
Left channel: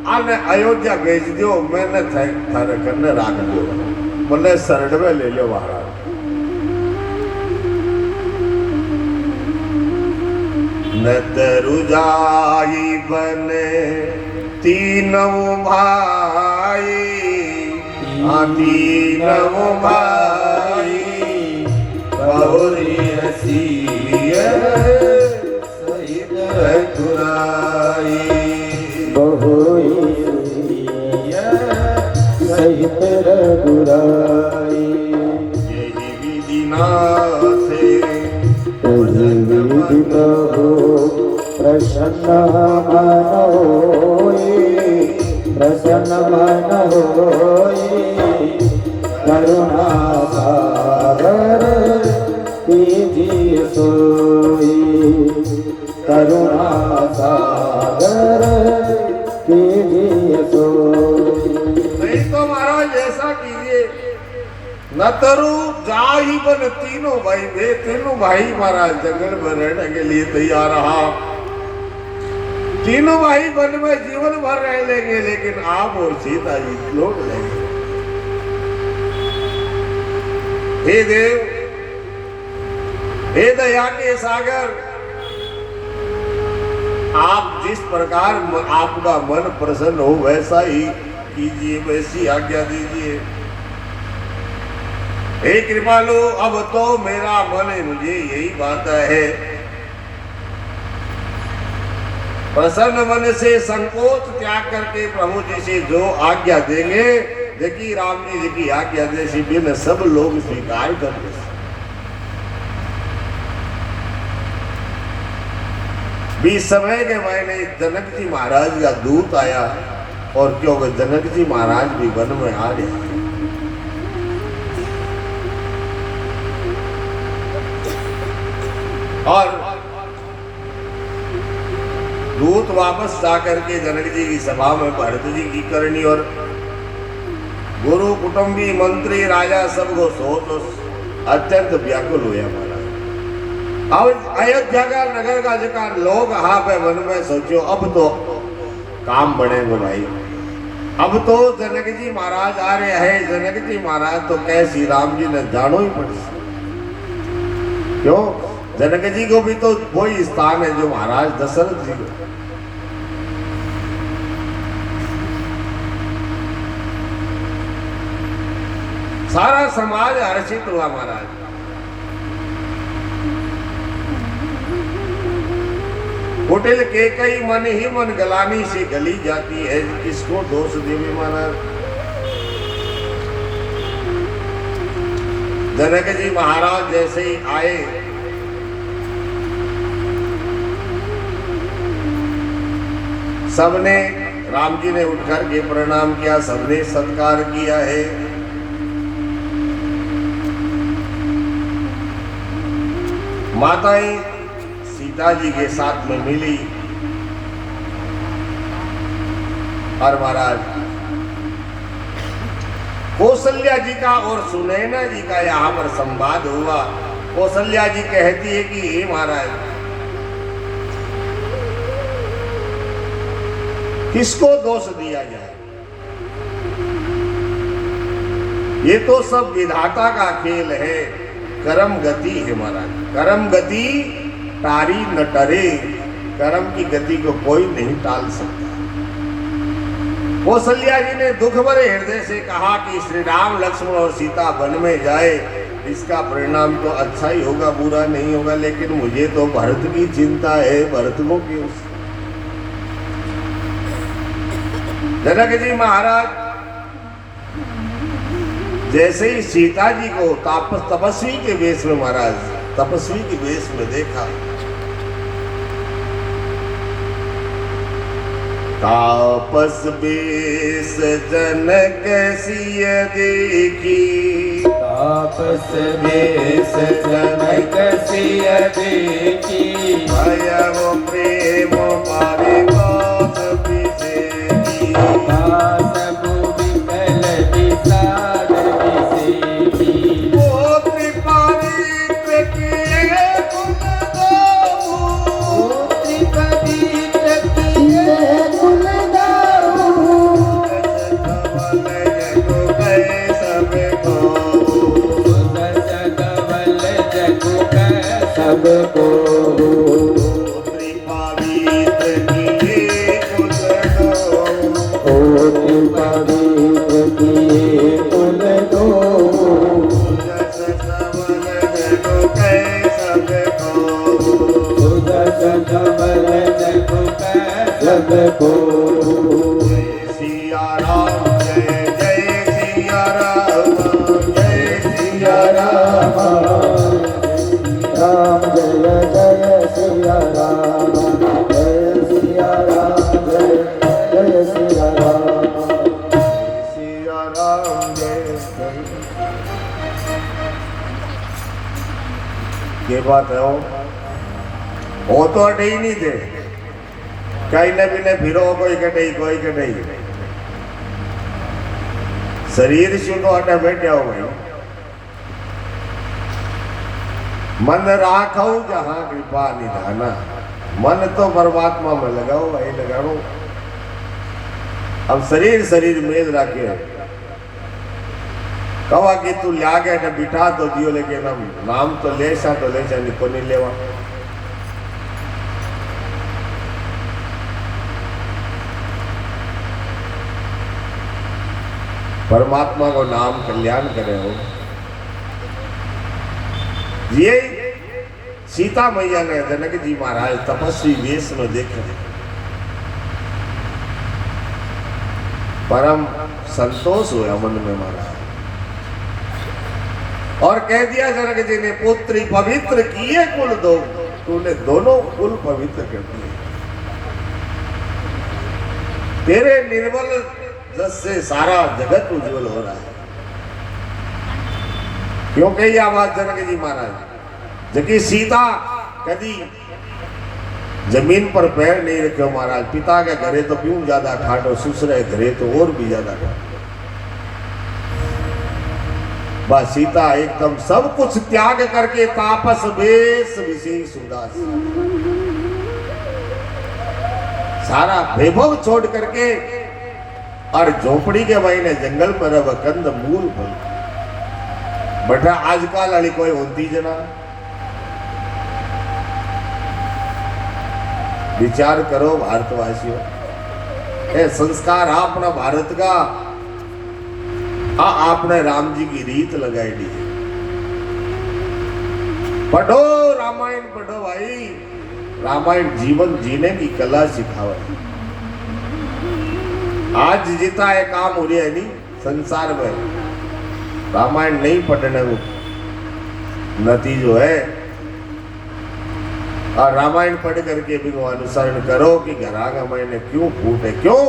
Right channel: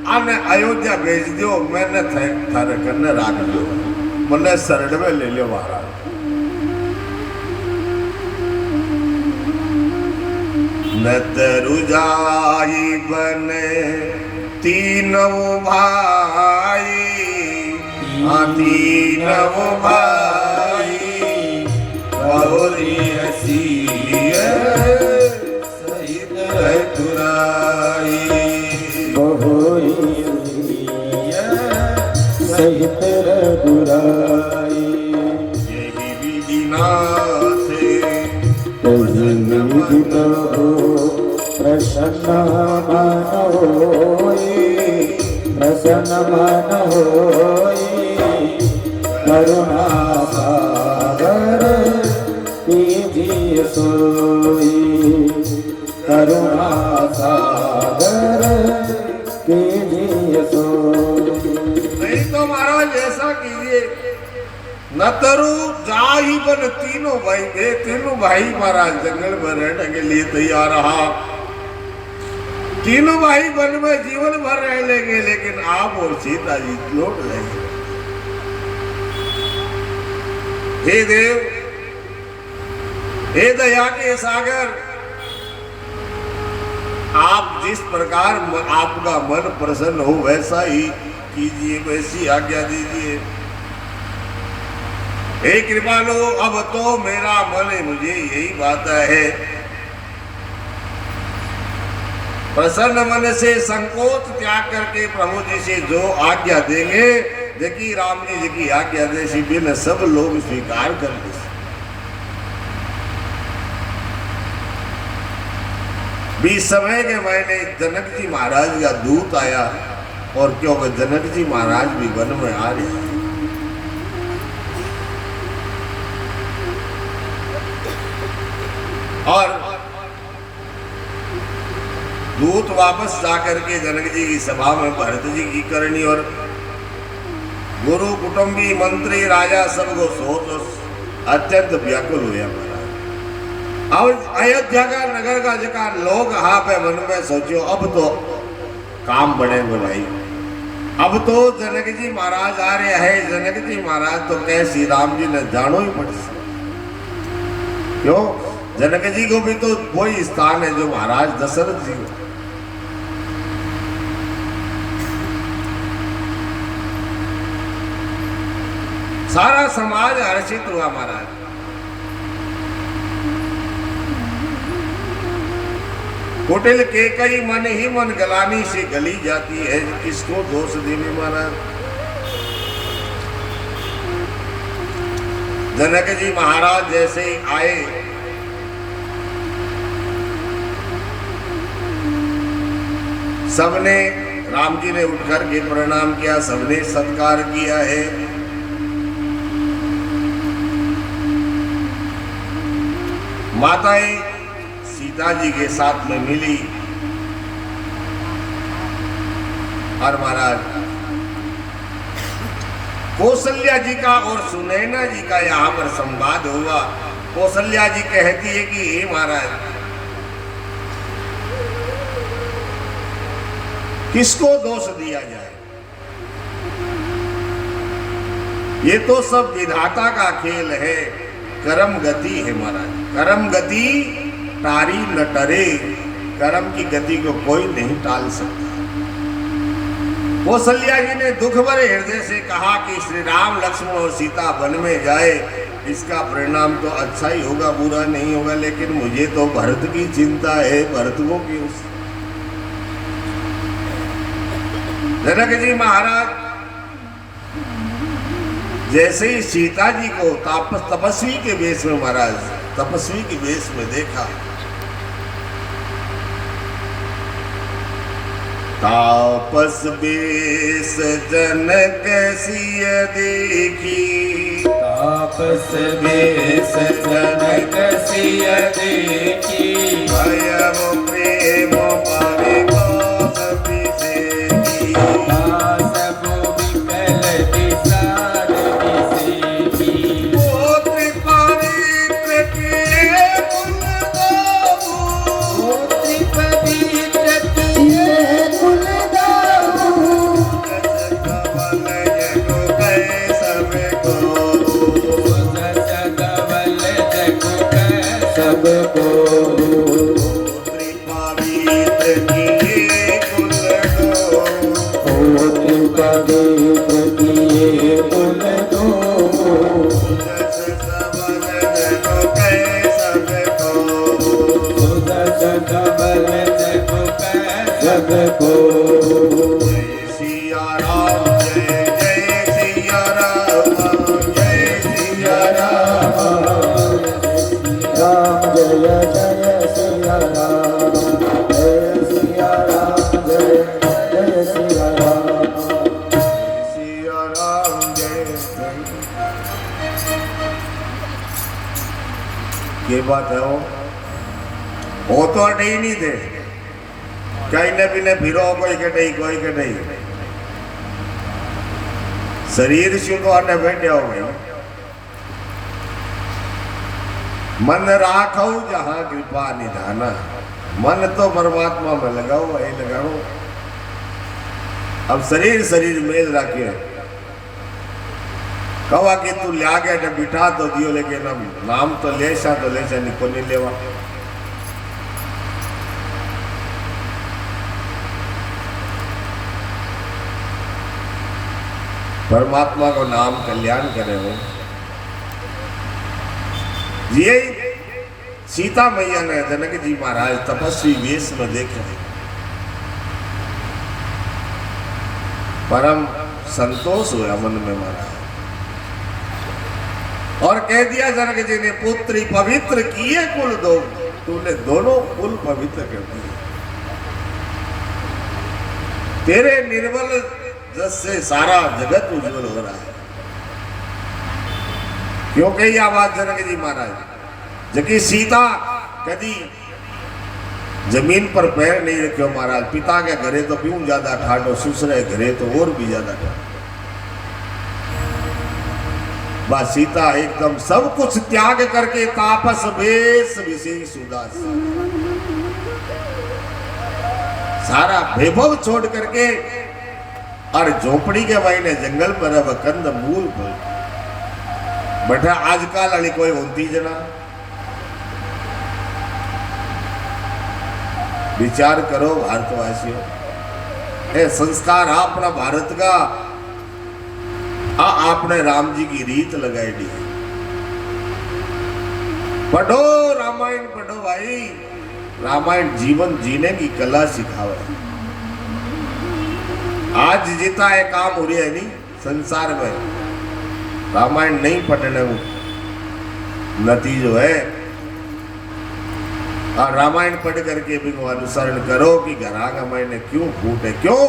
आने अयोध्या भेज दियो, मैंने थारे कन्ने राख दियो, बोले शरण में ले लो महाराज। न तरु जाई बने तीनों भाई, तीनों भाई, गौरी हसीय सहित रघुराई, बहुरी सहित रघुराई। यही विधि नाथ विधि प्रभु प्रसन्न मन होई, प्रसन्न मन होई, करुणा सागर कीजिए सोई, करुणा सागर कीजिए सोई। नहीं तो महाराज ऐसा कीजिए, न तरु जाहि बन तीनों भाई, वे तीनों भाई महाराज जंगल में रहने के लिए तैयार रहा। तीनों भाई वन में जीवन भर रह लेंगे, लेकिन आप और सीता जी लौट जाएंगे। हे देव, हे दया के सागर, आप जिस प्रकार आपका मन प्रसन्न हो वैसा ही कीजिए, वैसी आज्ञा दीजिए। हे कृपालु, अब तो मेरा मन मुझे यही बात है, प्रसन्न मन से संकोच त्याग करके प्रभु जी से जो आज्ञा देंगे, देखिए राम जी की आज्ञा जैसी भी न सब लोग स्वीकार कर। बीस समय के महीने जनक जी महाराज का दूत आया, और क्योंकि जनक जी महाराज भी वन में आ रहे, और दूत वापस जाकर के जनक जी की सभा में भरत जी की करनी और गुरु कुटुंबी मंत्री राजा सबको सोच अत्यंत व्याकुल हुए। और अयोध्या का नगर का जगह लोग यहाँ पे मन में सोचो, अब तो काम बनेगा भाई, अब तो जनक जी महाराज आ रहे हैं। जनक जी महाराज तो कह श्री राम जी ने जानो ही पड़े, क्यों? जनक जी को भी तो वही स्थान है जो महाराज दशरथ जी को। सारा समाज हर्षित हुआ महाराज। कुटिल के कई मन ही मन गलानी से गली जाती है, किसको दोष देवे महाराज। जनक जी महाराज जैसे ही आए, सबने, राम जी ने उठकर के प्रणाम किया, सबने सत्कार किया है। माताएं सीता जी के साथ में मिली और महाराज कौशल्या जी का और सुनैना जी का यहाँ पर संवाद हुआ। कौशल्या जी कहती है कि हे महाराज, किसको दोष दिया जाए, ये तो सब विधाता का खेल है, कर्म गति है महाराज। कर्म गति टारी न टरे, कर्म की गति को कोई नहीं टाल सकता। कौशल्या जी ने दुख भरे हृदय से कहा कि श्री राम लक्ष्मण और सीता वन में जाए, इसका परिणाम तो अच्छा ही होगा, बुरा नहीं होगा, लेकिन मुझे तो भरत की चिंता है, भरत को क्यों। जनक जी महाराज जैसे ही सीता जी को तपस्वी के वेश में, महाराज तपस्वी के वेश में देखा, तापस बेश जनक सिय देखी, तापस बेश जनक सिय देखी, भयम प्रेम पावे कौशल विसेकी, सब विकल विसार विसेकी, ओ त्रिपवित्र प्रिय कुल दो, ओ त्रिपवित्र प्रिय कुल दाऊ, सुजस कमल जगु कै सबको, त्रिपवित्र किए कुल दो, ओ त्रिपवित्र किए कुल दो, सुजस कमल जगु कै सबको। जय सिया राम, जय जय सिया राम, जय सिया राम। राम जय जय सिया राम, जय सिया राम, जय जय सिया राम। सिया राम जय। ये बात है वो तो अटे ही नहीं थे, कहीं न भी फिरो, कोई कटे कोई कटे, शरीर से तो अटे बैठे हो गई। मन राखो जहां कृपा निधाना, मन तो परमात्मा में लगाओ, यही लगाओ। अब शरीर शरीर मेल रखे, कहा कि तू लिया के बिठा तो दियो, लेकिन हम नाम तो लेशा निको नहीं लेवा। परमात्मा को नाम कल्याण करे हो। ये सीता मैया ने जनक जी महाराज तपस्वी वेश में देखे, परम संतोष हुआ मन में महाराज, और कह दिया जनक जी ने, पुत्री पवित्र किए कुल दो, तूने दोनों कुल पवित्र कर दिए। तेरे निर्मल जस से सारा जगत उज्जवल हो रहा है। क्यों कही आवाज जनक जी महाराज, जबकि सीता कभी जमीन पर पैर नहीं रखे महाराज। पिता के घरे तो क्यों ज्यादा ठाडो, ससुरे घरे तो और भी ज्यादा ठाडो। बस सीता एकदम सब कुछ त्याग करके तापस वेश विशेष उदास, सारा वैभव छोड़ करके और झोपड़ी के भाई ने जंगल पर अब कंद मूल फूल बटा आजकल वाली कोई होती जना। विचार करो भारतवासियों, ये संस्कार अपना भारत का आपने राम जी की रीत लगाई दी। पढ़ो रामायण, पढ़ो भाई। रामायण जीवन जीने की कला सिखावे। आज जितना है काम हो रहा है नहीं संसार में, रामायण नहीं पढ़ने में नतीजो है। और रामायण पढ़ करके भी वो अनुसरण करो कि घरा का मायने क्यों फूटे, क्यों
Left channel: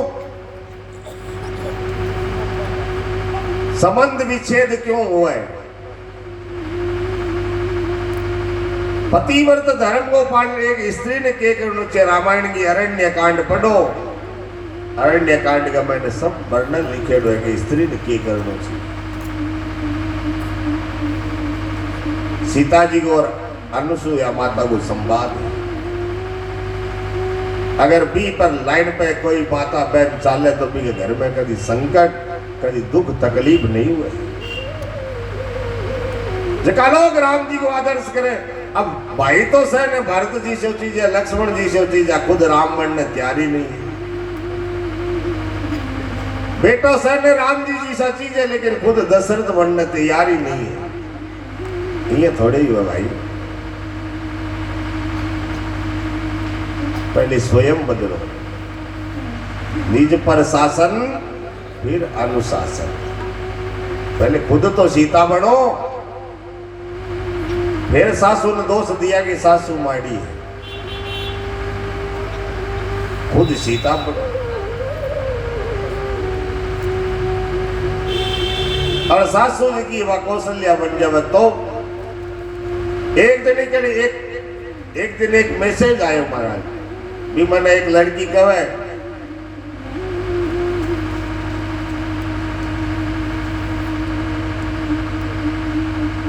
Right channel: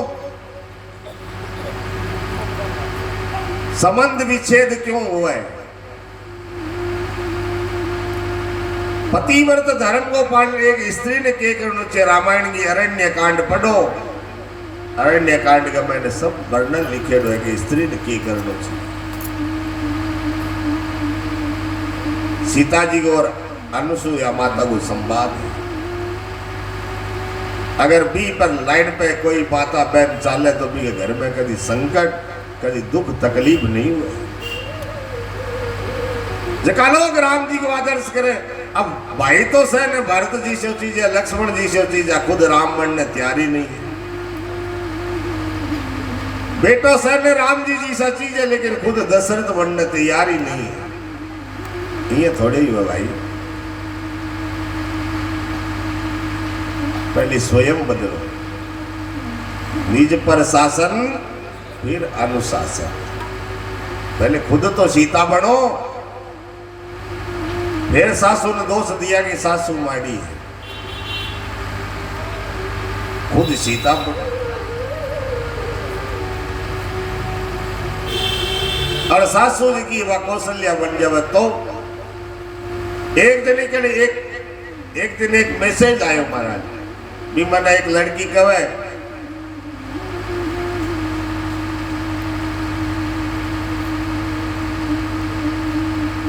संबंध विच्छेद क्यों हुआ है। पतिव्रत धर्म को पाने एक स्त्री ने के करनो छे। रामायण की अरण्य कांड पढ़ो। अरण्य कांड का मैंने सब वर्णन लिखे हुए कि स्त्री ने के करनो छे। सीता जी को और अनुसुईया माता को संवाद है। अगर बी पर लाइन पे कोई माता बहन चाले तो भी के घर में कभी संकट, कभी दुख तकलीफ नहीं हुए। जका लोग राम जी को आदर्श करें। अब भाई तो सह ने भरत जी से चीज है, लक्ष्मण जी से चीज है, खुद राम बनने तैयारी नहीं है। बेटो सह ने राम जी जैसा चीज है, लेकिन खुद दशरथ बनने तैयारी नहीं है। ये थोड़े ही हुआ भाई। पहले स्वयं बदलो, निज पर शासन फिर अनुशासन। पहले खुद तो सीता बनो, फिर सासू ने दोष दिया कि सासू माड़ी है। खुद सीता बनो। और सासू जी की वह कौशल्या बन जावे तो एक दिन के लिए एक दिन एक मैसेज आयो महाराज भी मैंने एक लड़की कहे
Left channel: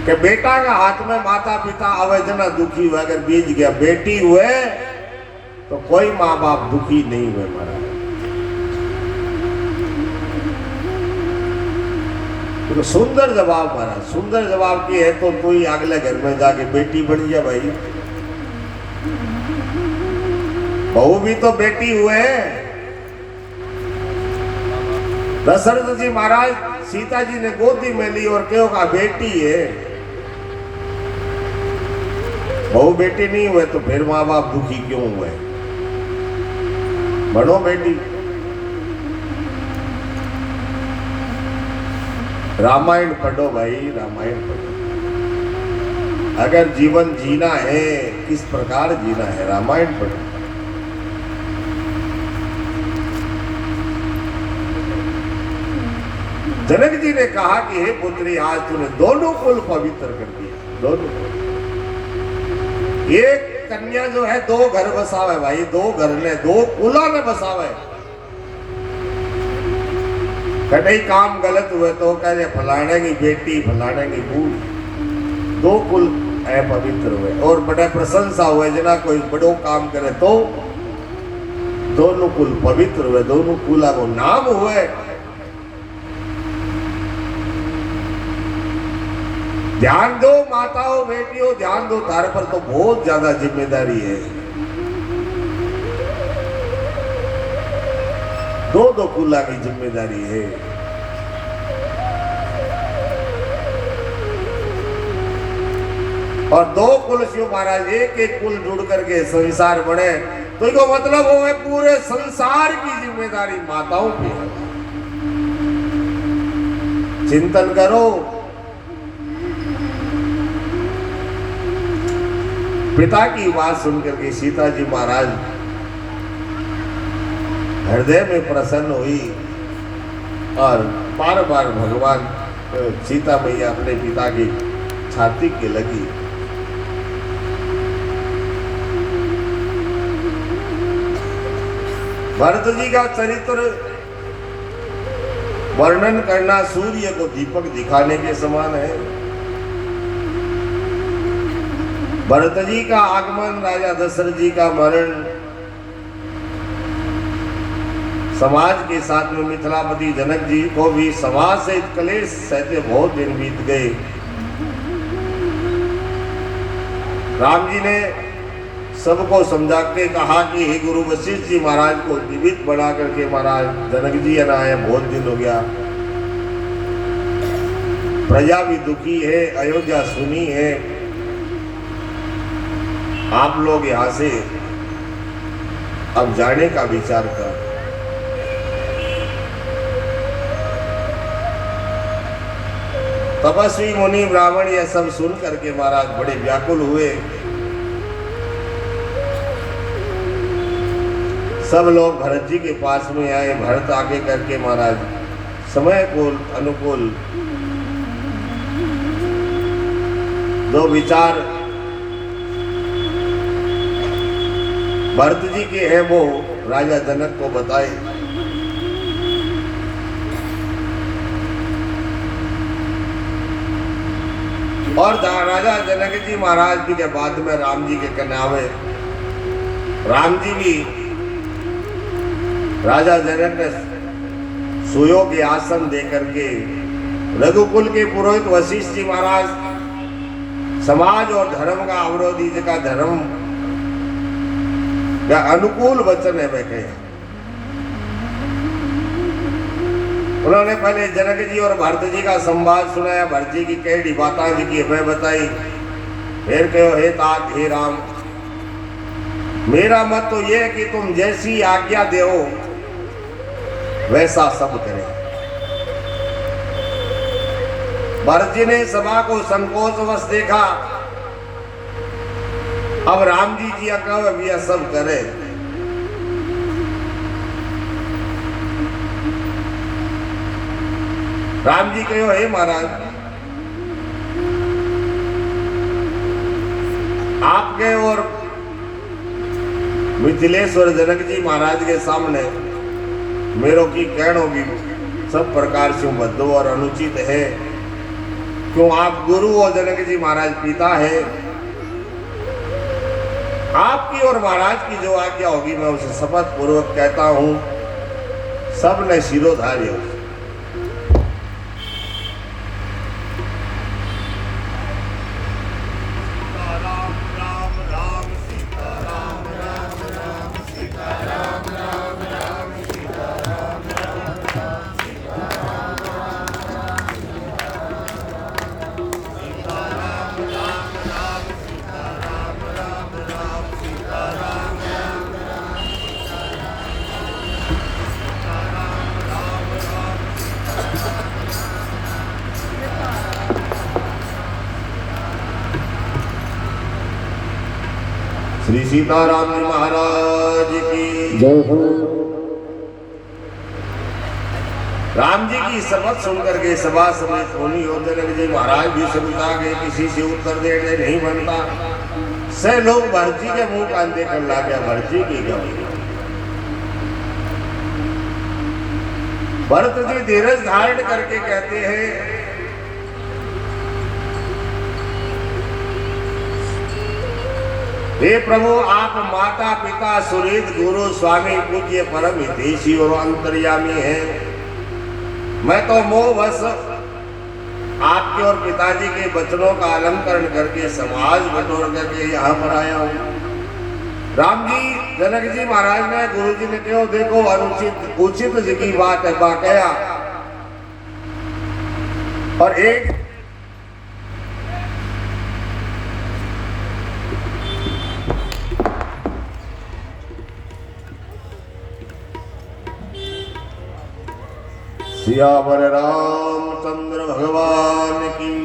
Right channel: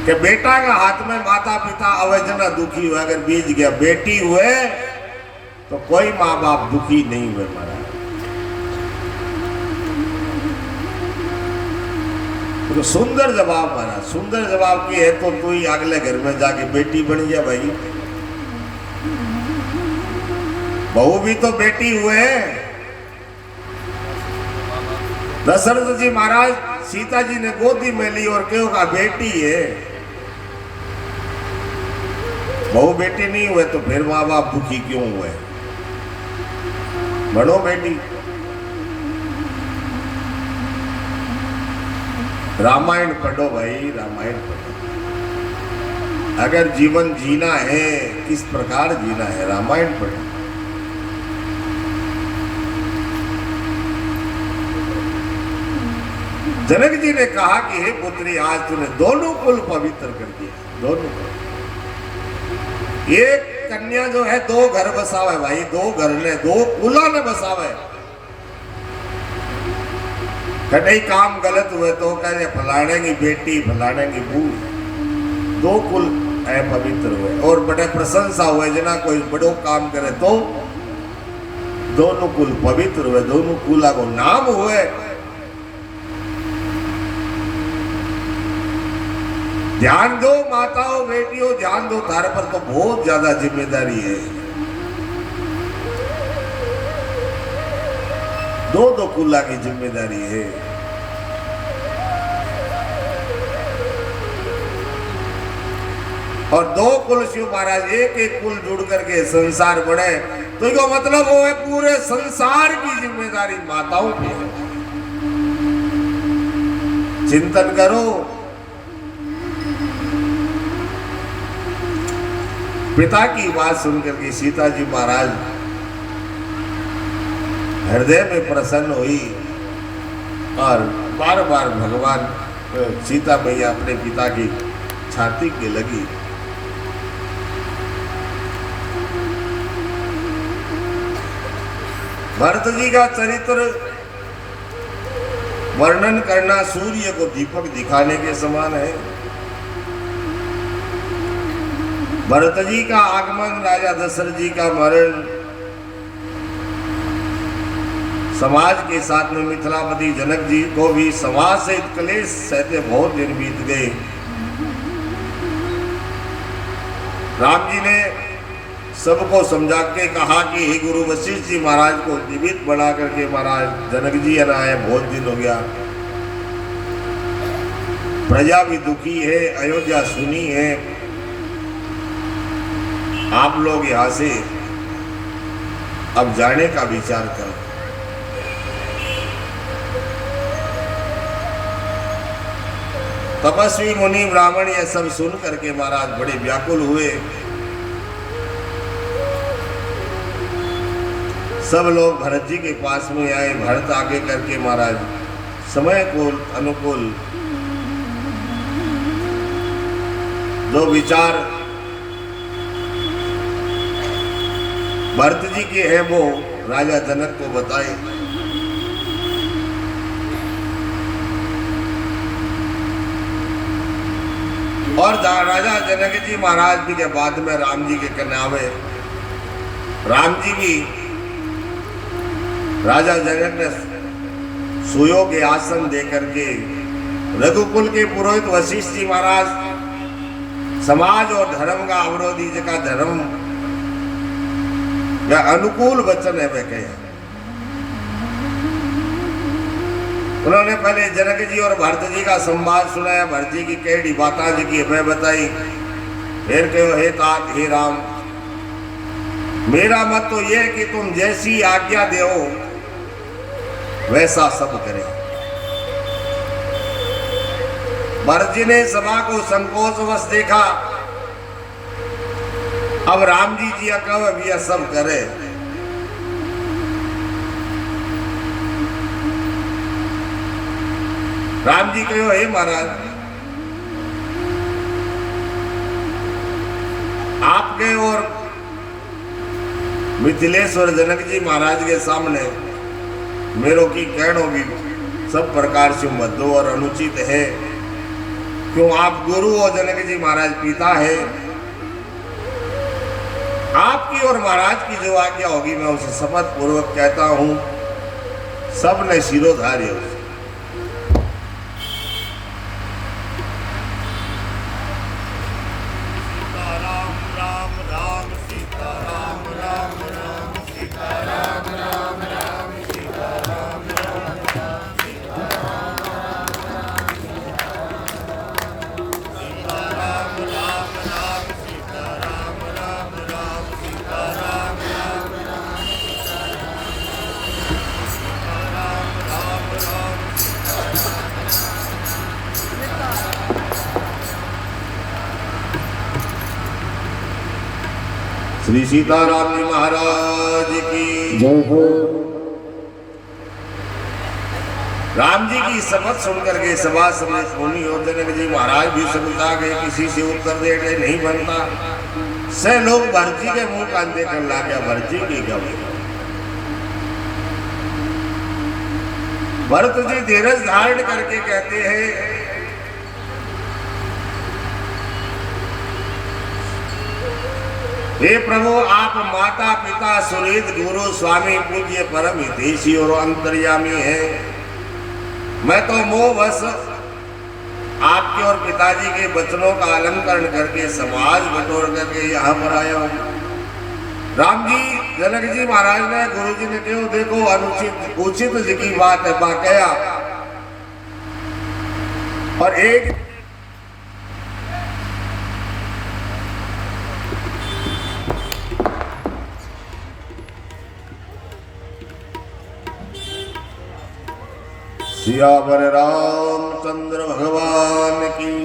कि बेटा का हाथ में माता पिता अवजना दुखी हुए। अगर बीज गया बेटी हुए तो कोई माँ बाप दुखी नहीं हुए। तो सुंदर जवाब महाराज, सुंदर जवाब की है तो तू ही अगले घर में जाके बेटी बन जा भाई। बहू भी तो बेटी हुए। दशरथ जी महाराज सीता जी ने गोदी में ली और क्यों कहा बेटी है। बहू बेटी नहीं हुए तो फिर माँ बाप दुखी क्यों हुए। बनो बेटी। रामायण पढ़ो भाई, रामायण पढ़ो। अगर जीवन जीना है, किस प्रकार जीना है, रामायण पढ़ो। जनक जी ने कहा कि हे पुत्री, आज तूने दोनों कुल पवित्र कर दिया। दोनों कुल। एक कन्या जो है दो घर बसावे भाई, दो घर ने दो कुला ने बसावे। कहीं काम गलत हुए तो कहते फलाने की बेटी फलाने की बहू, दो कुल है पवित्र हुए। और बड़े प्रशंसा हुए जना कोई बड़ो काम करे तो दोनों कुल पवित्र हुए, दोनों कुला को नाम हुए। ध्यान दो माताओं बेटियों, ध्यान दो, तार पर तो बहुत ज्यादा जिम्मेदारी है। दो दो कुला की जिम्मेदारी है। और दो कुल शिव महाराज एक एक कुल जुड़ करके संसार बने तो इसका मतलब वो है पूरे संसार की जिम्मेदारी माताओं की है। चिंतन करो। पिता की बात सुनकर के सीता जी महाराज हृदय में प्रसन्न हुई और बार बार भगवान सीता मैया अपने पिता की छाती के लगी। भरत जी का चरित्र वर्णन करना सूर्य को दीपक दिखाने के समान है। भरत जी का आगमन, राजा दशरथ जी का मरण, समाज के साथ में मिथिलापति जनक जी को भी समाज से क्लेश सहते बहुत दिन बीत गए। राम जी ने सबको समझा के कहा कि हे गुरु वशिष्ठ जी महाराज को जीवित बना करके महाराज जनक जी आए, बहुत दिन हो गया। प्रजा भी दुखी है, अयोध्या सुनी है। आप लोग यहां से अब जाने का विचार करें। तपस्वी मुनि ब्राह्मण यह सब सुन करके महाराज बड़े व्याकुल हुए। सब लोग भरत जी के पास में आए। भरत आगे करके महाराज समय को अनुकूल जो विचार भरत जी के हैं वो राजा जनक को बताए। और राजा जनक जी महाराज जी के बाद में राम जी के कन्यावे। राम जी भी राजा जनक ने सुयोग्य आसन दे करके रघुकुल के पुरोहित वशिष्ठ जी महाराज समाज और धर्म का अवरोधी जी का धर्म या अनुकूल वचन है मैं कहे। उन्होंने पहले जनक जी और भरत जी का संवाद सुनाया। भरत जी की कई बातें जी की मैं बताई। फिर कहो हे तात हे राम, मेरा मत तो ये है कि तुम जैसी आज्ञा दे वैसा सब करें। भरत जी ने सभा को संकोचवश देखा। अब राम जी जी कहो यह सब करे। राम जी कहो हे महाराज, आपके और मिथिलेश्वर जनक जी महाराज के सामने मेरो की कहनो भी सब प्रकार से मध्य और अनुचित है। क्यों आप गुरु और जनक जी महाराज पिता है। आपकी और महाराज की जो आज्ञा होगी मैं उसे शपथ पूर्वक कहता हूं। सब ने शिरोधार्य। श्री सीताराम जी महाराज की जय हो। राम जी की शपथ सुनकर के सभा समेत मुनि और जनक जी महाराज भी समझा गए। किसी से उत्तर देने नहीं बनता। से लोग भरत जी के मुंह कान देखकर ला गया। भरत जी की गई। भरत जी धीरज धारण करके कहते हैं हे प्रभु, आप माता पिता सुहृद गुरु स्वामी पूज्य परम हितैषी और अंतर्यामी है। मैं तो मोहवश आपके और पिताजी के वचनों का अलंकरण करके समाज बटोर करके यहाँ पर आया हूँ। राम जी जनक जी महाराज ने गुरु जी ने कहो देखो अनुचित उचित जी की बात है बाकया। और एक सियावर रामचंद्र भगवान की।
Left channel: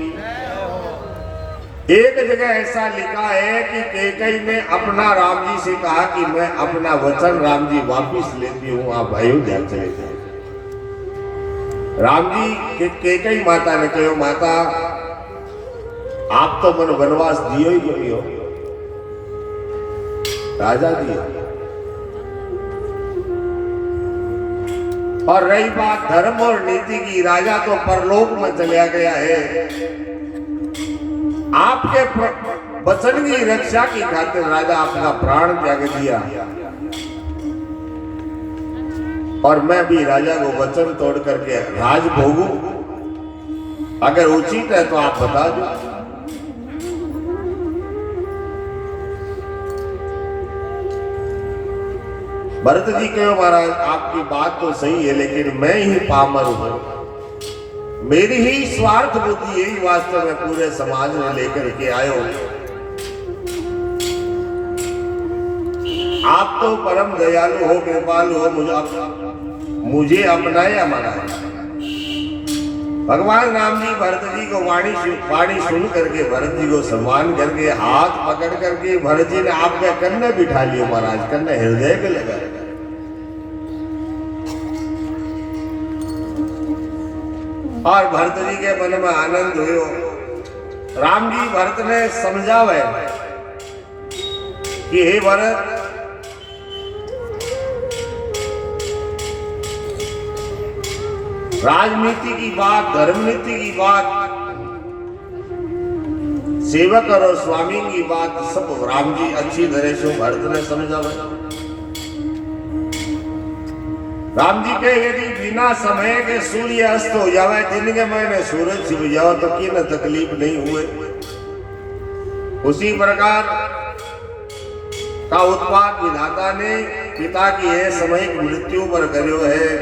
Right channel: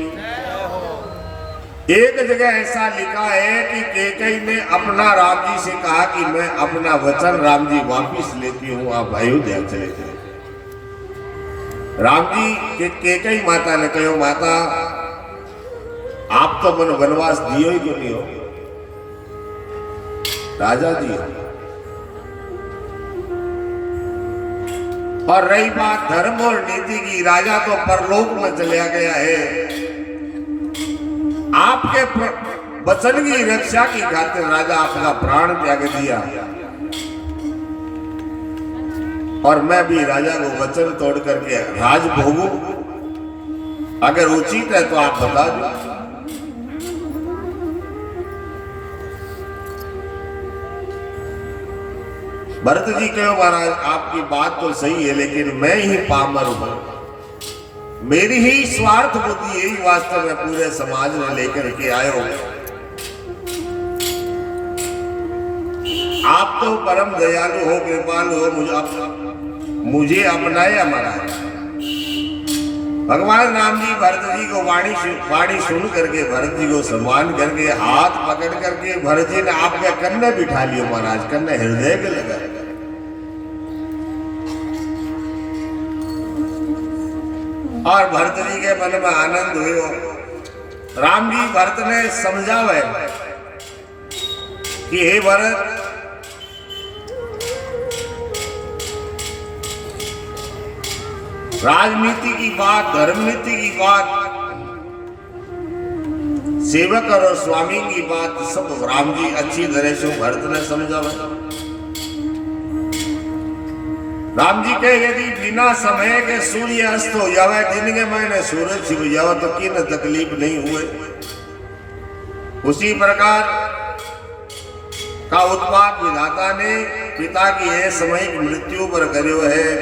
एक जगह ऐसा लिखा है कि कैकेयी ने अपना राम जी से कहा कि मैं अपना वचन राम जी वापिस लेती हूँ, आप अयोध्या चले जाए। राम जी के कैकेयी माता ने कहो माता आप तो मन वनवास दियो ही क्यों नहीं हो राजा जी। और रही बात धर्म और नीति की, राजा तो परलोक में चला गया है। आपके वचन की रक्षा की खातिर राजा अपना प्राण त्याग दिया। और मैं भी राजा को वचन तोड़ करके राज भोगूं। अगर उचित है तो आप बता दो। भरत जी कहो महाराज आपकी बात तो सही है, लेकिन मैं ही पामर हूं। मेरी ही स्वार्थ बुद्धि यही वास्तव में पूरे समाज में लेकर के आयो। आप तो परम दयालु हो, कृपालु हो, मुझे अपनाया महाराज। भगवान राम जी भरत जी को वाणी सुन करके भरत जी को सम्मान करके हाथ पकड़ करके भरत जी ने आपके कन्ने बिठा लियो महाराज, कन्ने हृदय के लगा। और भरत जी के मन में आनंद हुए। राम जी भरत ने समझावे कि हे भरत, राजनीति की बात, धर्म नीति की बात, सेवक और स्वामी की बात सब राम जी अच्छी तरह से भरत ने समझा। राम जी कहे यदि बिना समय के सूर्य अस्त हो जावे, दिन के महीने सूरज छिप जाओ तो की न तकलीफ नहीं हुए। उसी प्रकार का उत्पाद विधाता ने पिता की यह सामयिक मृत्यु पर करो है।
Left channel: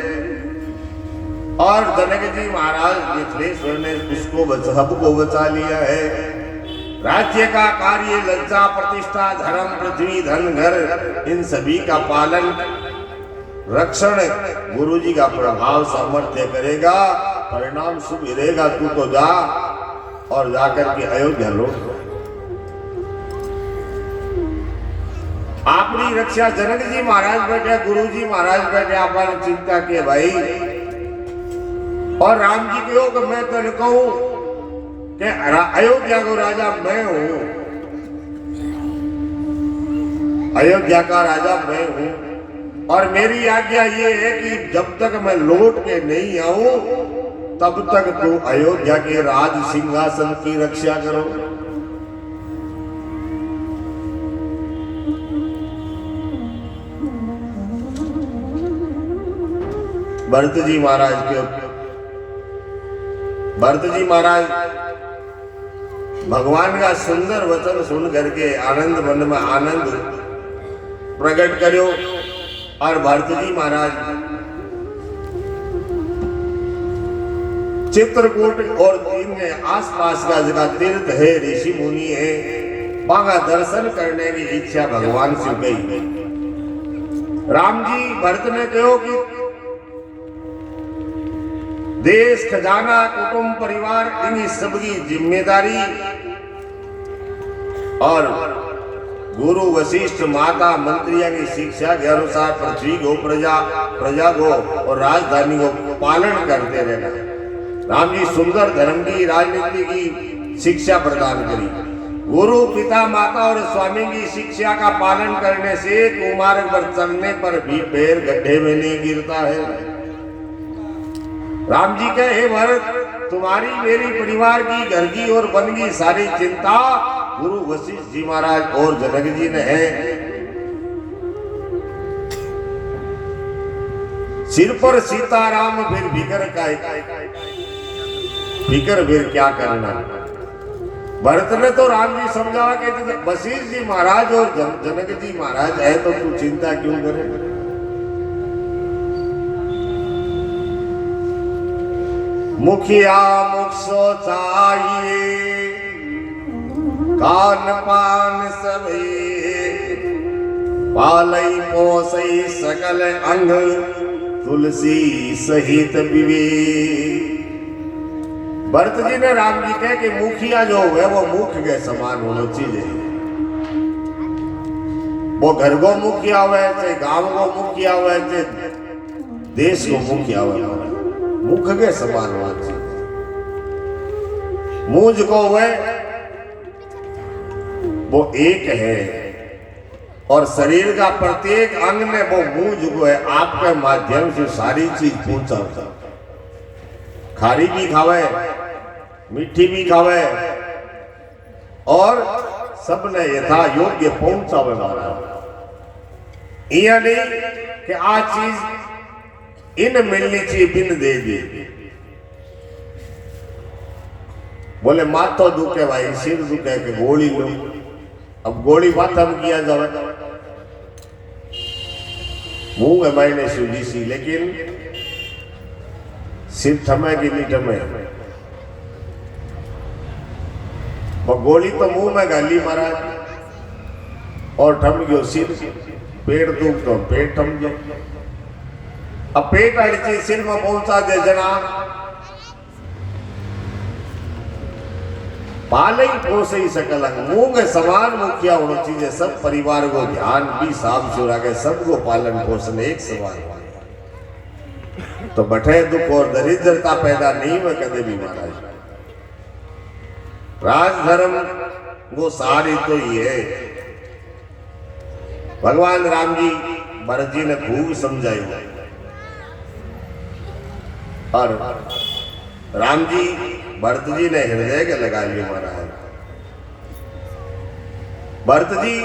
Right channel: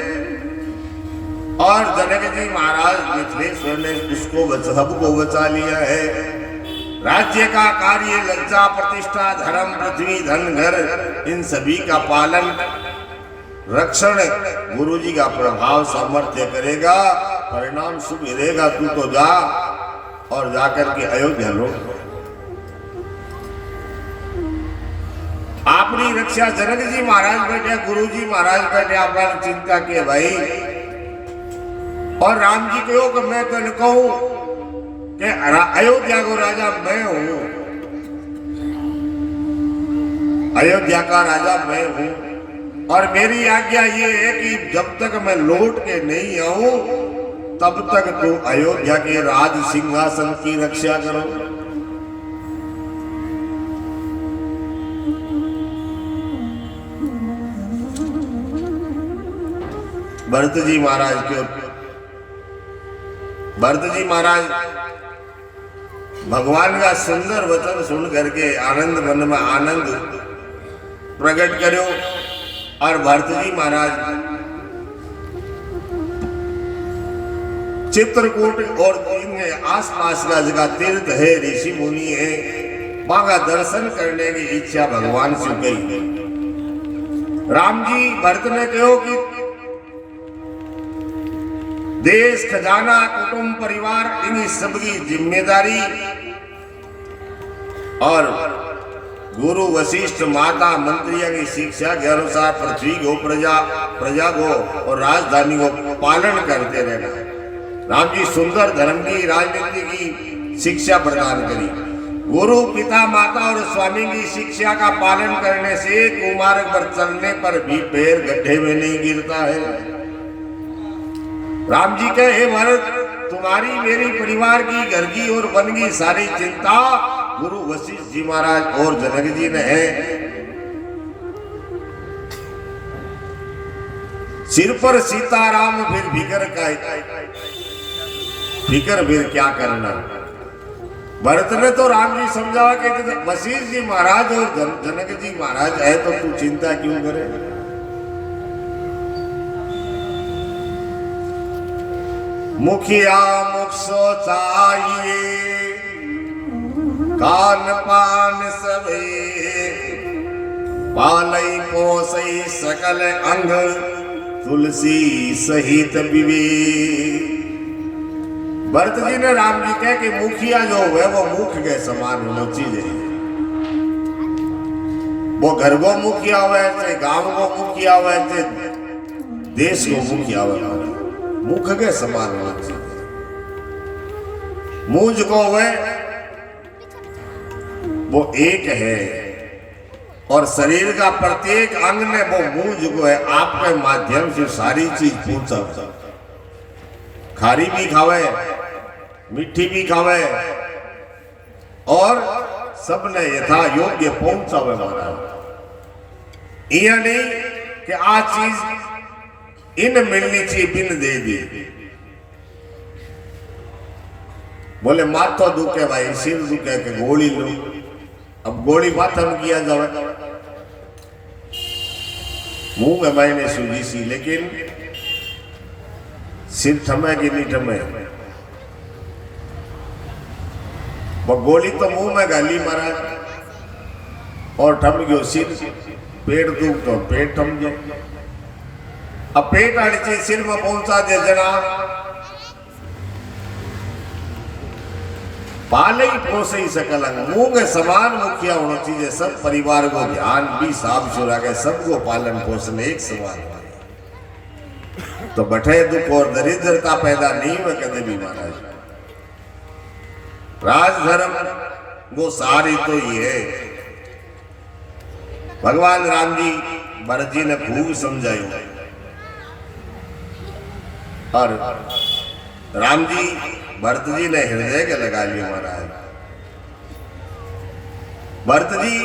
और जनक जी महाराज मिथिलेश्वर ने इसको सबको बचा लिया है। राज्य का कार्य, लज्जा, प्रतिष्ठा, धर्म, पृथ्वी, धन, घर, इन सभी का पालन रक्षण गुरु जी का प्रभाव सामर्थ्य करेगा, परिणाम शुभ रहेगा। तू तो जा और जाकर के अयोध्या लौट। अपनी रक्षा जनक जी महाराज बैठे, गुरु जी महाराज बैठे, अपन चिंता किए भाई। और राम जी कहो कि मैं तो कहूं कि अयोध्या को राजा मैं हूं, अयोध्या का राजा मैं हूं। और मेरी आज्ञा ये है कि जब तक मैं लौट के नहीं आऊं तब तक तू अयोध्या के राज सिंहासन की रक्षा करो। भरत जी महाराज भगवान का सुंदर वचन सुन करके आनंद मन में आनंद प्रकट करो। और भरत जी महाराज चित्रकूट और इनके आसपास का जगह तीर्थ है, ऋषि मुनि है, वहां का दर्शन करने की इच्छा भगवान से गई। राम जी भरत ने कहो कि देश, खजाना, कुटुंब, परिवार, इन सबकी जिम्मेदारी और गुरु वशिष्ठ माता मंत्रियों की शिक्षा के अनुसार पृथ्वी को, प्रजा को और राजधानी को पालन करते रहना। राम जी सुंदर धर्म की, राजनीति की शिक्षा प्रदान करी। गुरु, पिता, माता और स्वामी की शिक्षा का पालन करने से कुमार्ग पर चलने पर भी पैर गड्ढे में नहीं गिरता है। राम जी कहे भरत, तुम्हारी मेरी परिवार की, घर की और वन की सारी चिंता गुरु वशिष्ठ जी महाराज और जनक जी ने है। सिर पर सीताराम फिर फिकर क्या करना। भरत ने तो राम जी समझा कि वशिष्ठ जी महाराज और जनक जी महाराज है तो तू चिंता क्यों करे। मुखिया मुख सो चाहिए, कान पान सभे, पालई पोसई सकल अंग, तुलसी सहित विवेक। भरत जी ने राम जी कहे कि मुखिया जो है वो मुख के समान होना चाहिए। वो घर को मुखिया हुआ, चाहे गांव को मुखिया हुआ, चाहे देश को मुखिया हुआ, मुख के समान होना चाहिए। मुझ को हुए वो एक है और शरीर का प्रत्येक अंग में वो मुझ को है। आपके माध्यम से सारी चीज पहुंचा, खारी भी खावे, मीठी भी खावे और सबने यथा योग्य पहुंचा वाला। यह नहीं कि आ चीज इन मिलनी चाहिए बिन दे दी। बोले माथा दुखे भाई, सिर दुखे के गोली लो। अब गोली माथा में किया जावे, मुंह है मैंने सूझी सी, लेकिन सिर थमे कि नहीं थमे। वो गोली तो मुंह में गाली महाराज और ठम गयो सिर पेट दुख तो पेट ठम गया अब पेट अड़चे सिर में पहुंचा दे जना पाले ही पोसे ही सकल मुंह के समान मुखिया होना चाहिए सब परिवार को ध्यान भी साफ सुरा के सबको पालन पोषण एक समान तो बठे दुख और दरिद्रता पैदा नहीं हुए कदे भी महाराज राजधर्म वो सारी तो ये है भगवान राम जी भरत जी ने खूब समझाई और राम जी भरत जी ने हृदय के लगा लिया महाराज भरत जी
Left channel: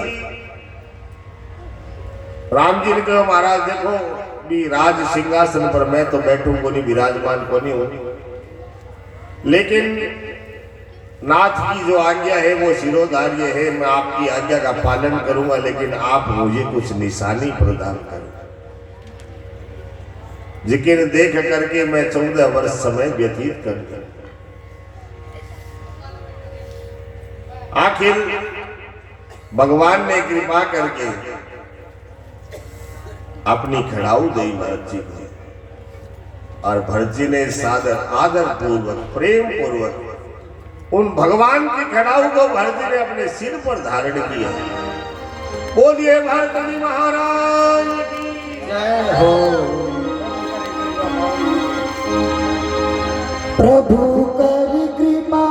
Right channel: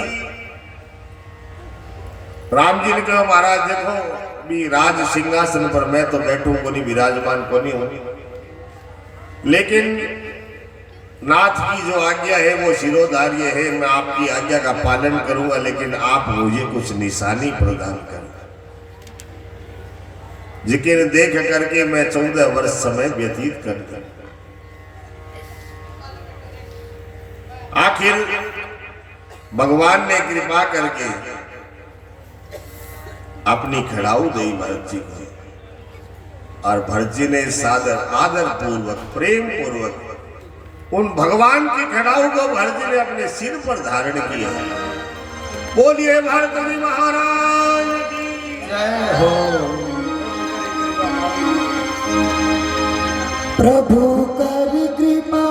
राम जी ने कहा महाराज देखो भी राज सिंहासन पर मैं तो बैठूं को नहीं विराजमान को नहीं हूं लेकिन नाथ की जो आज्ञा है वो शिरोधार्य है मैं आपकी आज्ञा का पालन करूंगा लेकिन आप मुझे कुछ निशानी प्रदान करें जिक्र देख करके मैं 14 वर्ष समय व्यतीत कर दूं आखिर भगवान ने कृपा करके अपनी खड़ाऊ दी भरत जी को और भरत जी ने सादर आदर पूर्वक प्रेम पूर्वक उन भगवान की खड़ाऊ को भरत जी ने अपने सिर पर धारण किया बोलिए भरत जी महाराज की जय हो प्रभु कर कृपा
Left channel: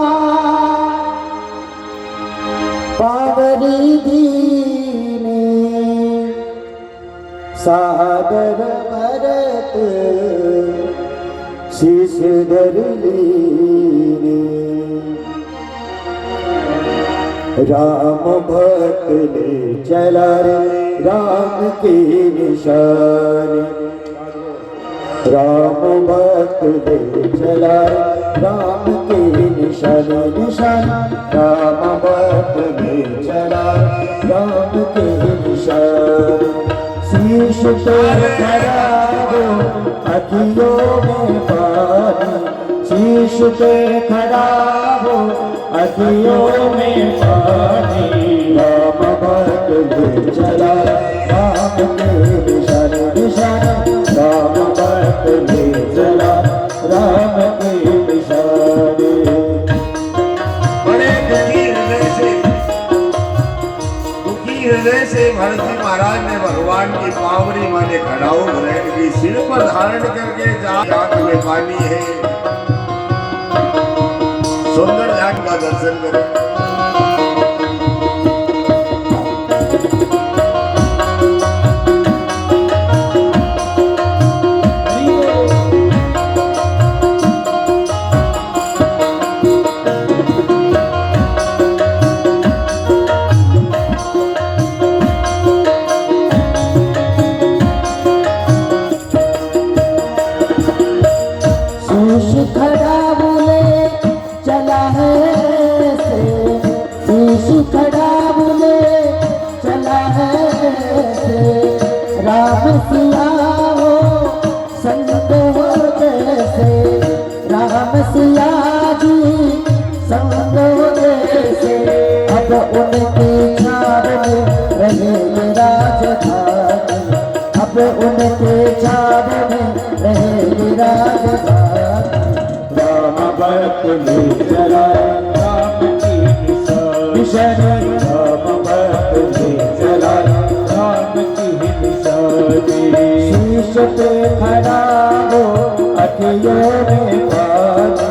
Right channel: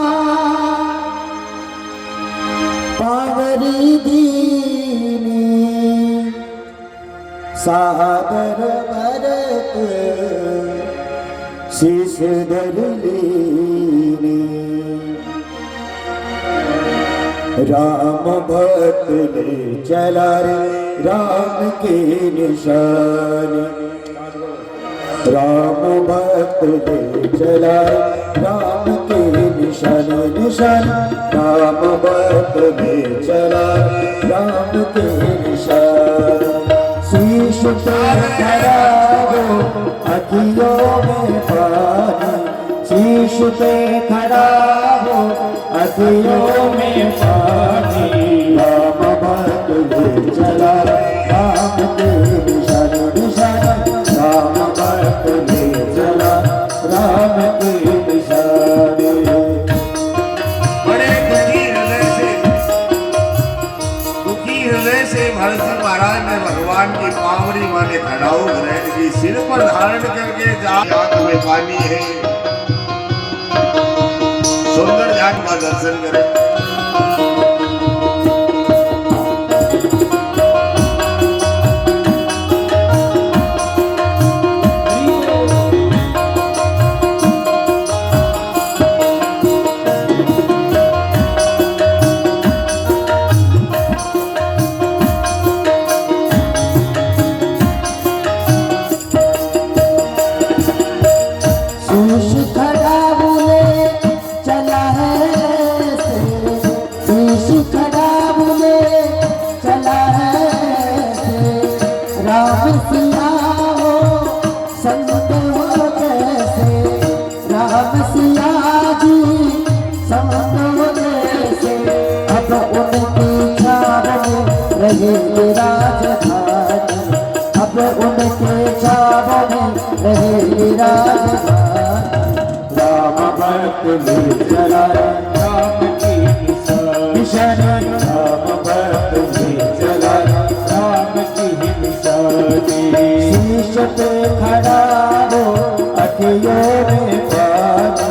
पावरी दीने सादर भरत शीश धर लीने राम भक्त ने चला रे राम के निशान राम भक्त ने चला राम के निशान निशान राम भक्त ने चला राम के निशान शीश पे खड़ा हो अखियों में पानी शीश पे खड़ा हो अखियों में पानी राम भक्त ने चला राम के निशान निशान राम भक्त ने चला राम के निशान बड़े दुखी हृदय से भरत जी महाराज ने भगवान की पावरी वाले खड़ाऊ ग्रहण की सिर पर धारण करके आंख में पानी है सुंदर ध्यान का दर्शन करें शीश खड़ा बोले चला है ऐसे शीश खड़ा बोले चला है ऐसे राम सिया हो संग हो जैसे राम सिया जी संग हो जैसे अब उनकी छाव में रहे राजधानी अब उनके छाव में रहे राजधानी राम भक्त ने चला राम की निशान राम भक्त ने चला राम की निशान शीश पे खड़ा हो अखियों में पानी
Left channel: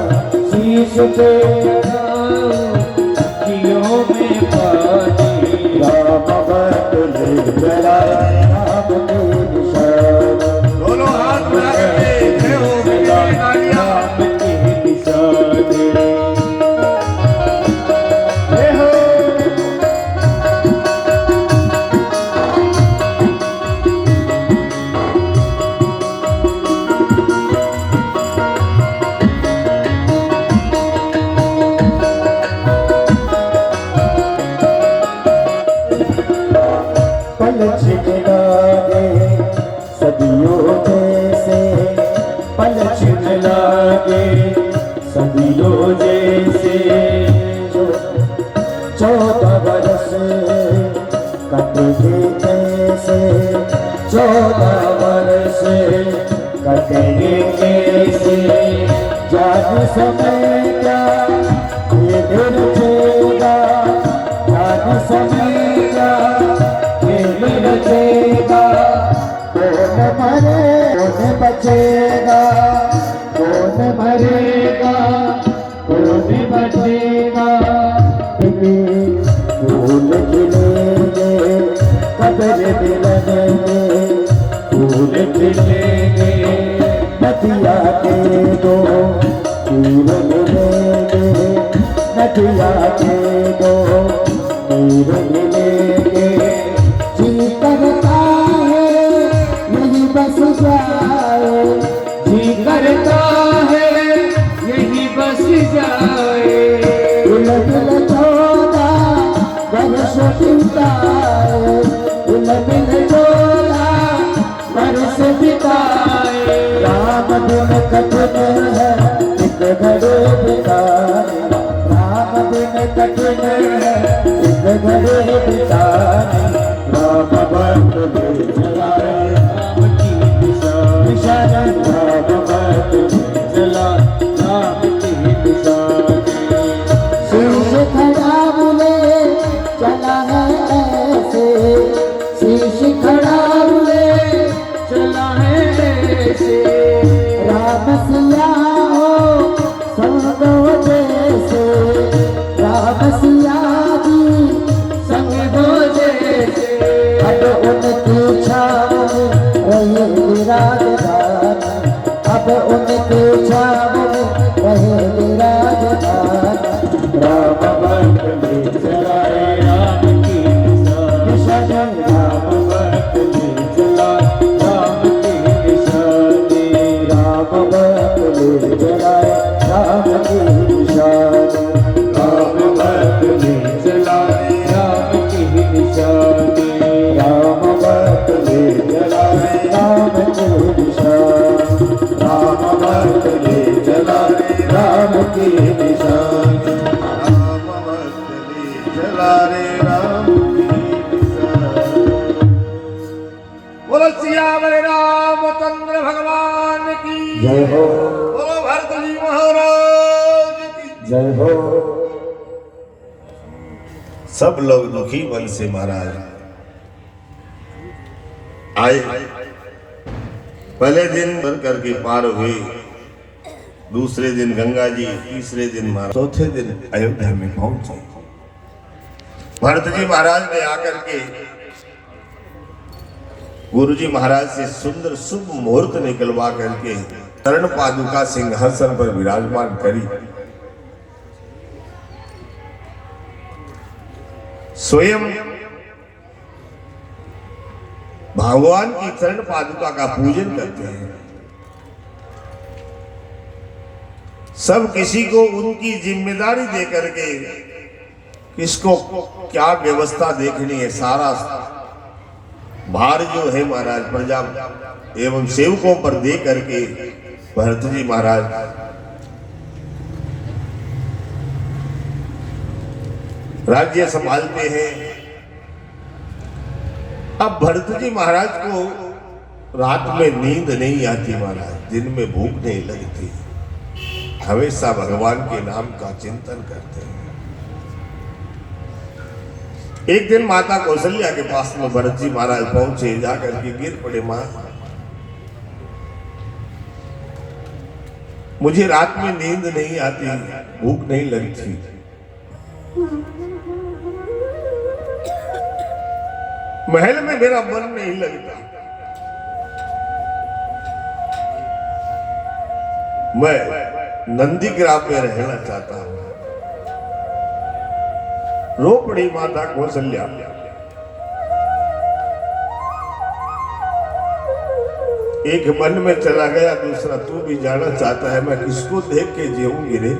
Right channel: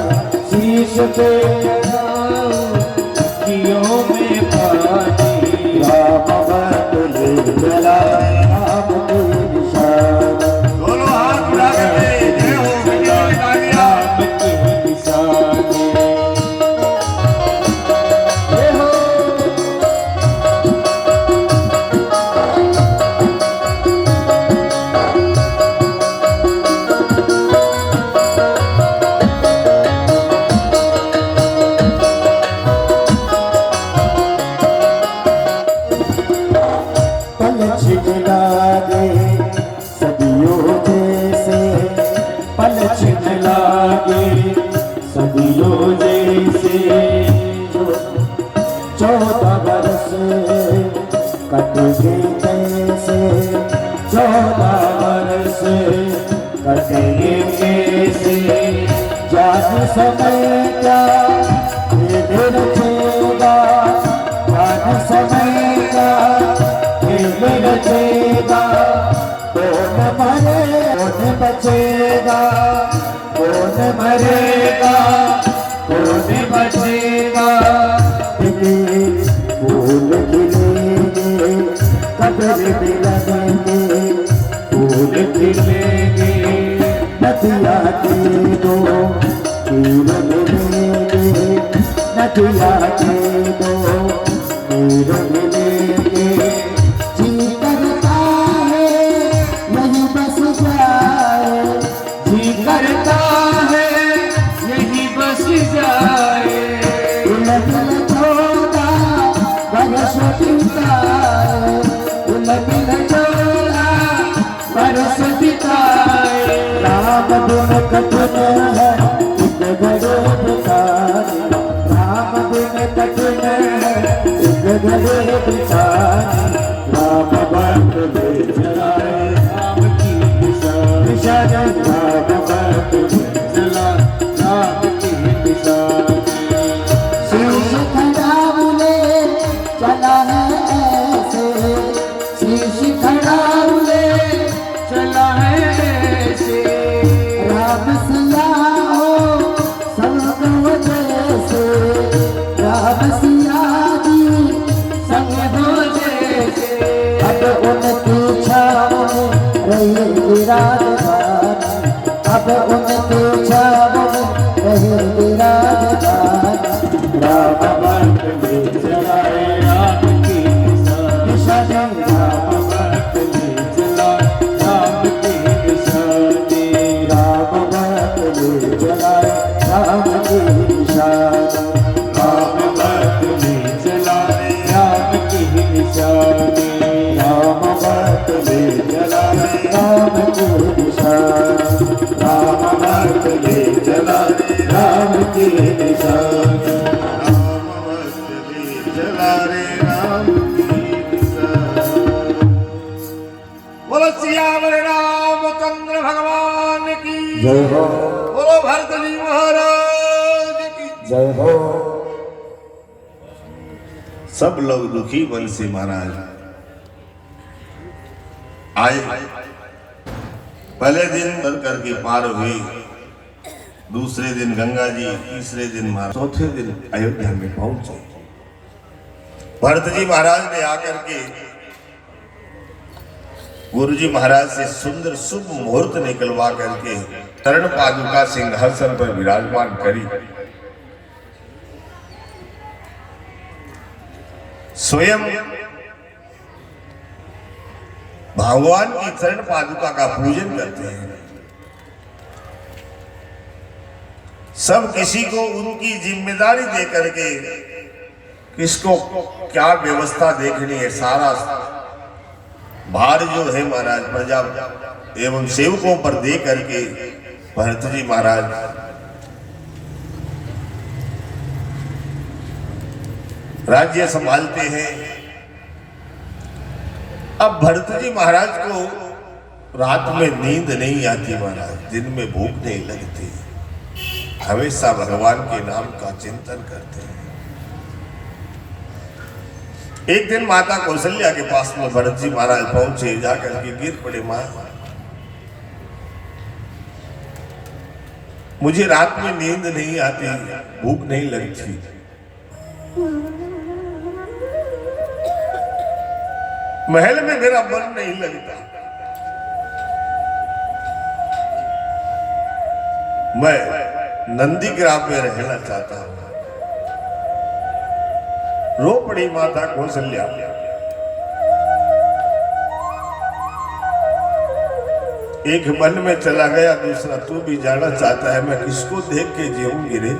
शीश पे अखियों में पानी राम भक्त ने चला राम की निशान दोनों हाथ उठा करके जय हो विजय तालियां राम की निशान जय हो पल छिपला दे सदियों जैसे पल छिन लागे सदियों जैसे जो कटेंगे कैसे 14 वर्ष कटेंगे कैसे जाने समय का ये दिन रचेगा जाने समय का ये दिन रचेगा कौन मरे कौन बचेगा कौन मरेगा कौन बचेगा फूल खिलेंगे कदर मिलेंगे फूल खिलेंगे नदिया के दो तीर मिलेंगे नदिया के दो तीर मिलेंगे जी करता है यही बस जाए जी करता है यही बस जाए दिल छोड़ा बरस बिताए दिल छोड़ा बरस बिताए राम दिन कठिन है एक घड़े बिताए राम दिन कठिन है एक घड़े बिताए राम बात ले चलाए राम की निशान राम बात ले चला राम की निशान शीश खड़ा बोले चला है ऐसे शीश खड़ा बोले चला है ऐसे राम सिया हो संग हो जैसे राम सिया जी संग हो जैसे अब उनकी छाव में रहे विराजमान अब उनकी छाव में रहे विराजमान राम भक्त ले चलाए राम की निशान राम भक्त ले चलाए राम की निशान राम भक्त ले चलाए राम की निशान राम भक्त ले चलाए राम की निशान राम भक्त ले चलाए राम की निशान राम भक्त ले चलाए राम की निशान चला रे राम की बोलो सियावर रामचंद्र भगवान की जय हो बोलो भरत जी महाराज की जय हो सब लोग दुखी मन से महाराज आए पहले दिन बन करके पार हुए दूसरे दिन गंगा जी तीसरे दिन महाराज चौथे दिन अयोध्या में पहुंचे भरत जी महाराज ने आकर के गुरु जी महाराज से सुंदर शुभ मुहूर्त निकलवा करके चरण पादुका सिंहासन पर विराजमान करी स्वयं भगवान की चरण पादुका का पूजन करते हैं सब किसी को उनकी जिम्मेदारी दे करके किसको क्या व्यवस्था देखनी है सारा भार जो है महाराज प्रजा एवं सेवकों पर दे करके भरत जी महाराज राज्य संभालते हैं। अब भरत जी महाराज को रात में नींद नहीं आती महाराज, दिन में भूख नहीं लगती, हमेशा भगवान के नाम का चिंतन करते हैं। एक दिन माता कौशल्या के पास में भरत जी महाराज पहुंचे, जाकर के गिर पड़े, मां मुझे रात में नींद नहीं आती, भूख नहीं लगती, महल में मेरा मन नहीं लगता, मैं नंदीग्राम में रहना चाहता हूं। रो पड़ी माता कौशल्या। एक मन में चला गया, दूसरा तू भी जाना चाहता है, मैं किसको देख के जीऊंगी रे।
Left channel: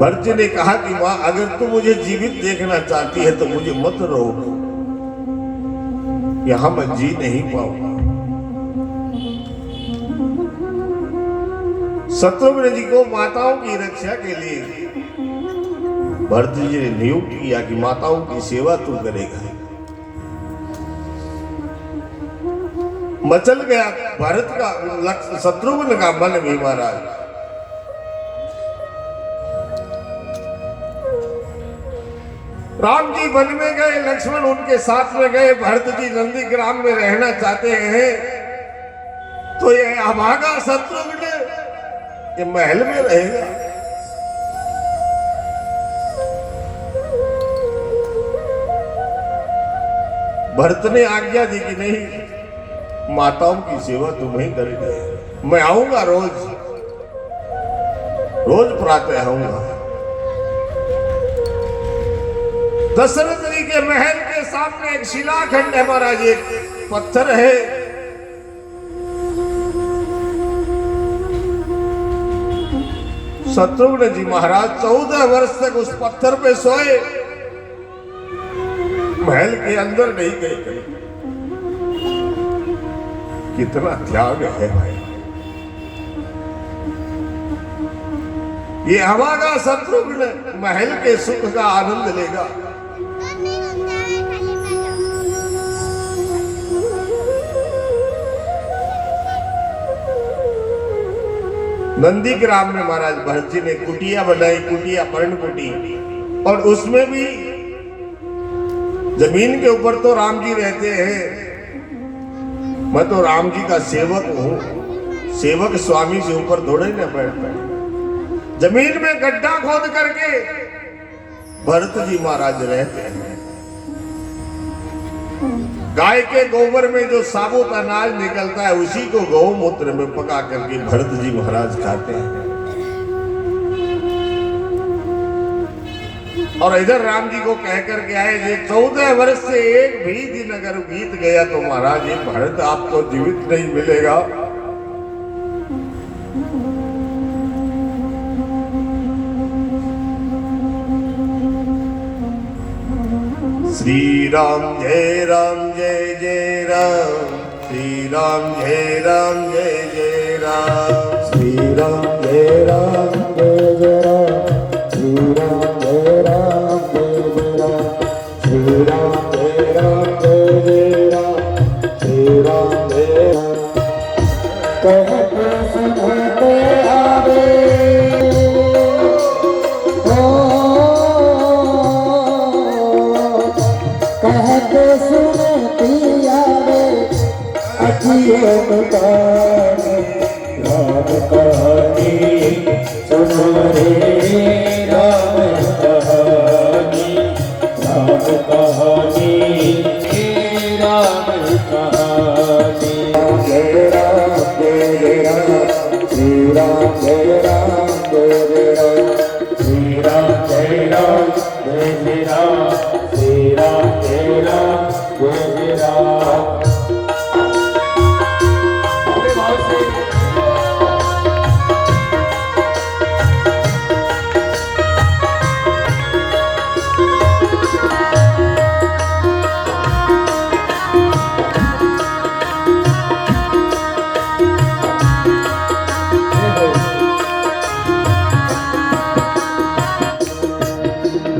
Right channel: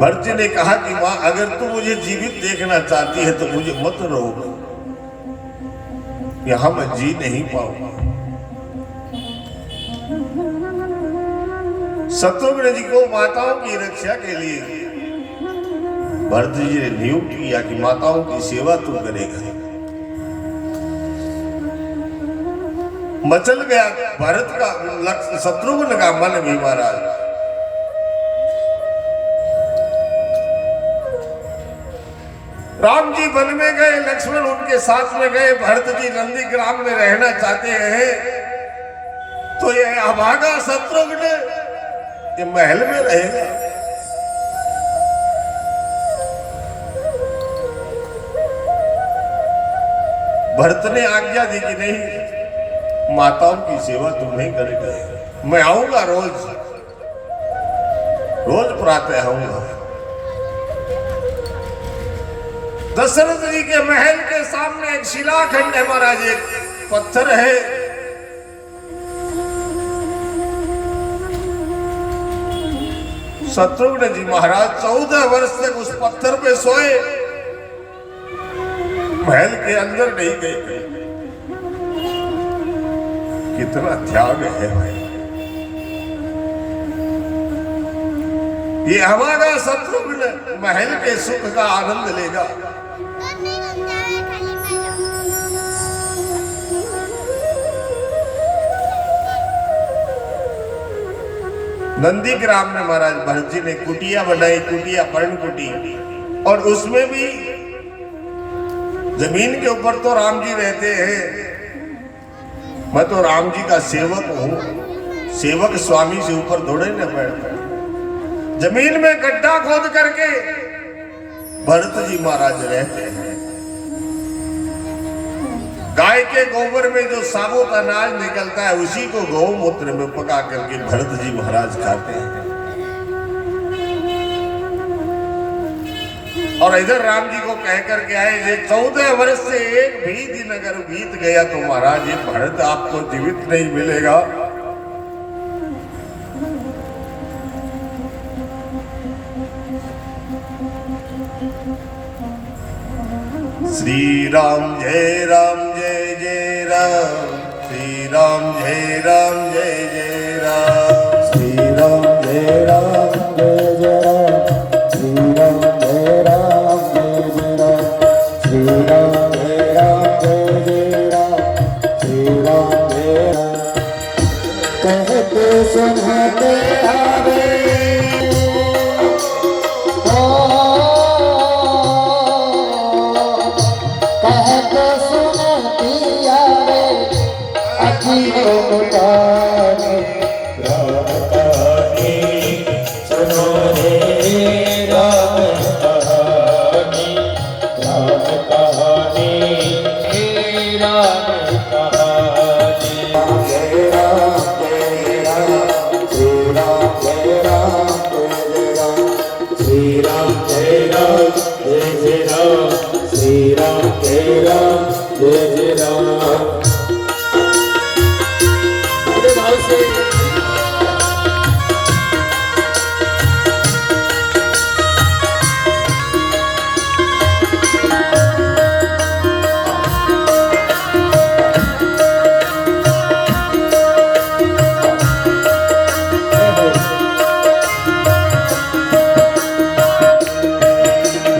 भरत जी ने कहा कि मां अगर तू मुझे जीवित देखना चाहती है तो मुझे मत रोक, यहां मैं जी नहीं पाऊंगा। शत्रुघ्न जी को माताओं की रक्षा के लिए भरत जी ने नियुक्त किया कि माताओं की सेवा तू करेगा। मचल गया भरत का शत्रुघ्न का मन भी महाराज। राम जी वन में गए, लक्ष्मण उनके साथ में गए। भरत जी नंदीग्राम में रहना चाहते हैं, तो ये अभागा शत्रुघ्न ये महल में रहेगा। भरत ने आज्ञा दी कि नहीं, माताओं की सेवा तुम्हें करेगी। मैं आऊंगा रोज प्रातः आऊंगा। दशरथ जी के महल के सामने एक शिलाखंड है महाराज, एक पत्थर है। शत्रुघ्न जी महाराज 14 वर्ष तक उस पत्थर पे सोए, महल के अंदर नहीं गए। कितना त्याग है भाई। ये अभागा शत्रुघ्न महल के सुख का आनंद लेगा। नंदीग्राम में महाराज भरत जी ने कुटिया बनाई, कुटिया पर्ण कुटी, और उसमें भी जमीन के ऊपर तो राम जी रहते हैं। मैं तो राम जी का सेवक हूं, सेवक स्वामी से ऊपर थोड़े न बैठता। जमीन में गड्ढा खोद करके भरत जी महाराज रहते हैं। गाय के गोबर में जो साबुत अनाज निकलता है उसी को गौमूत्र में पका करके भरत जी महाराज खाते हैं। और इधर राम जी को कह करके आए, ये 14 वर्ष से एक भी दिन अगर बीत गया तो महाराज ये भरत आपको जीवित नहीं मिलेगा। श्री राम जय राम जय जय राम, श्री राम जय राम जय जय राम, श्री राम जय राम जय जय राम, श्री राम जय राम जय जय राम, श्री राम जय राम जय जय राम, श्री राम जय राम। कहते सुनते आवे कहते सुनती आवे अखियों मुताने राम कहानी सुनो रे, राम कहानी, राम कहानी, राम कहानी। जय राम जय राम, श्री राम जय राम जय जय राम, श्री राम जय राम जय जय राम, श्री राम जय राम जय जय राम। अरे भाव से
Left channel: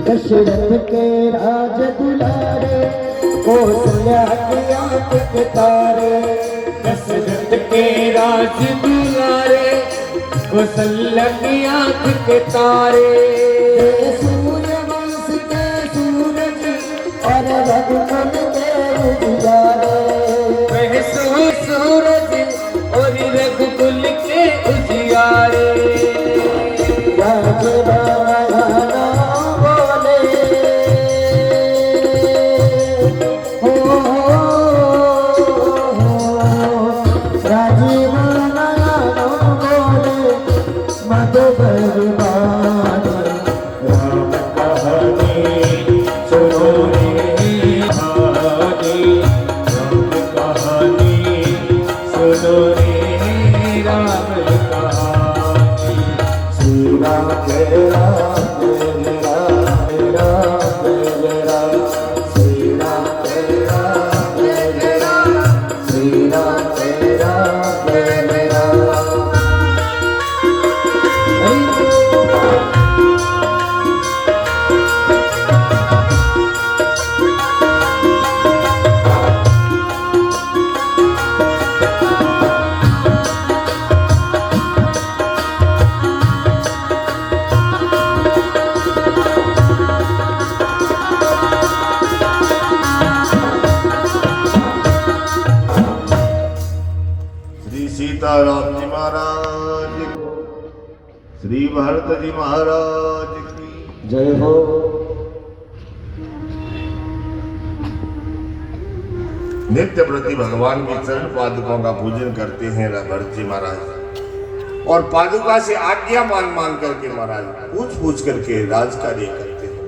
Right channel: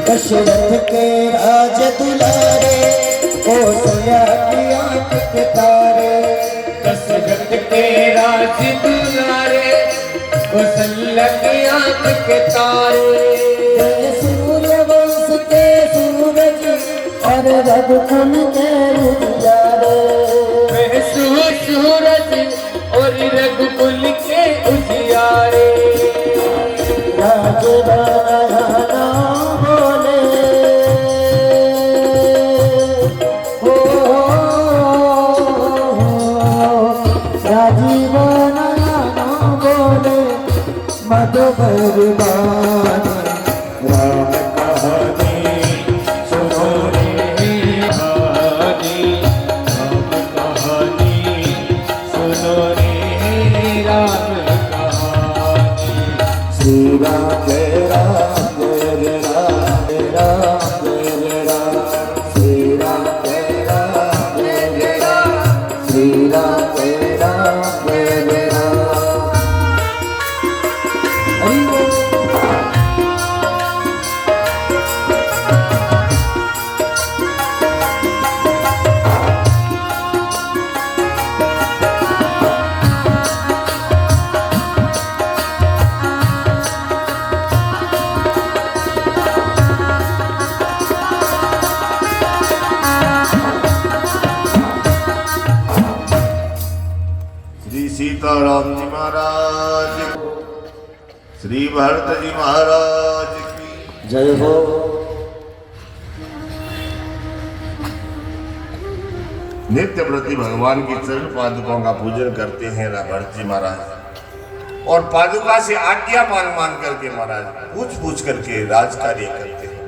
दशरथ के राज दुलारे, कौशल्या की आंख के तारे। दशरथ के राज दुलारे, कौशल्या की आंख के तारे। सूर्य वंश के सूरज और रघुकुल के उजाले। सूरज और रघुकुल के उजियारे। राज राम कहानी सुनो रे कहानी। श्री भरत जी महाराज की जय हो। नित्य प्रति भगवान की चरण पादुकों का पूजन करते हैं भरत जी महाराज, और पादुका से आज्ञा मान मान करके महाराज पूछ पूछ करके राज कार्य करते हैं।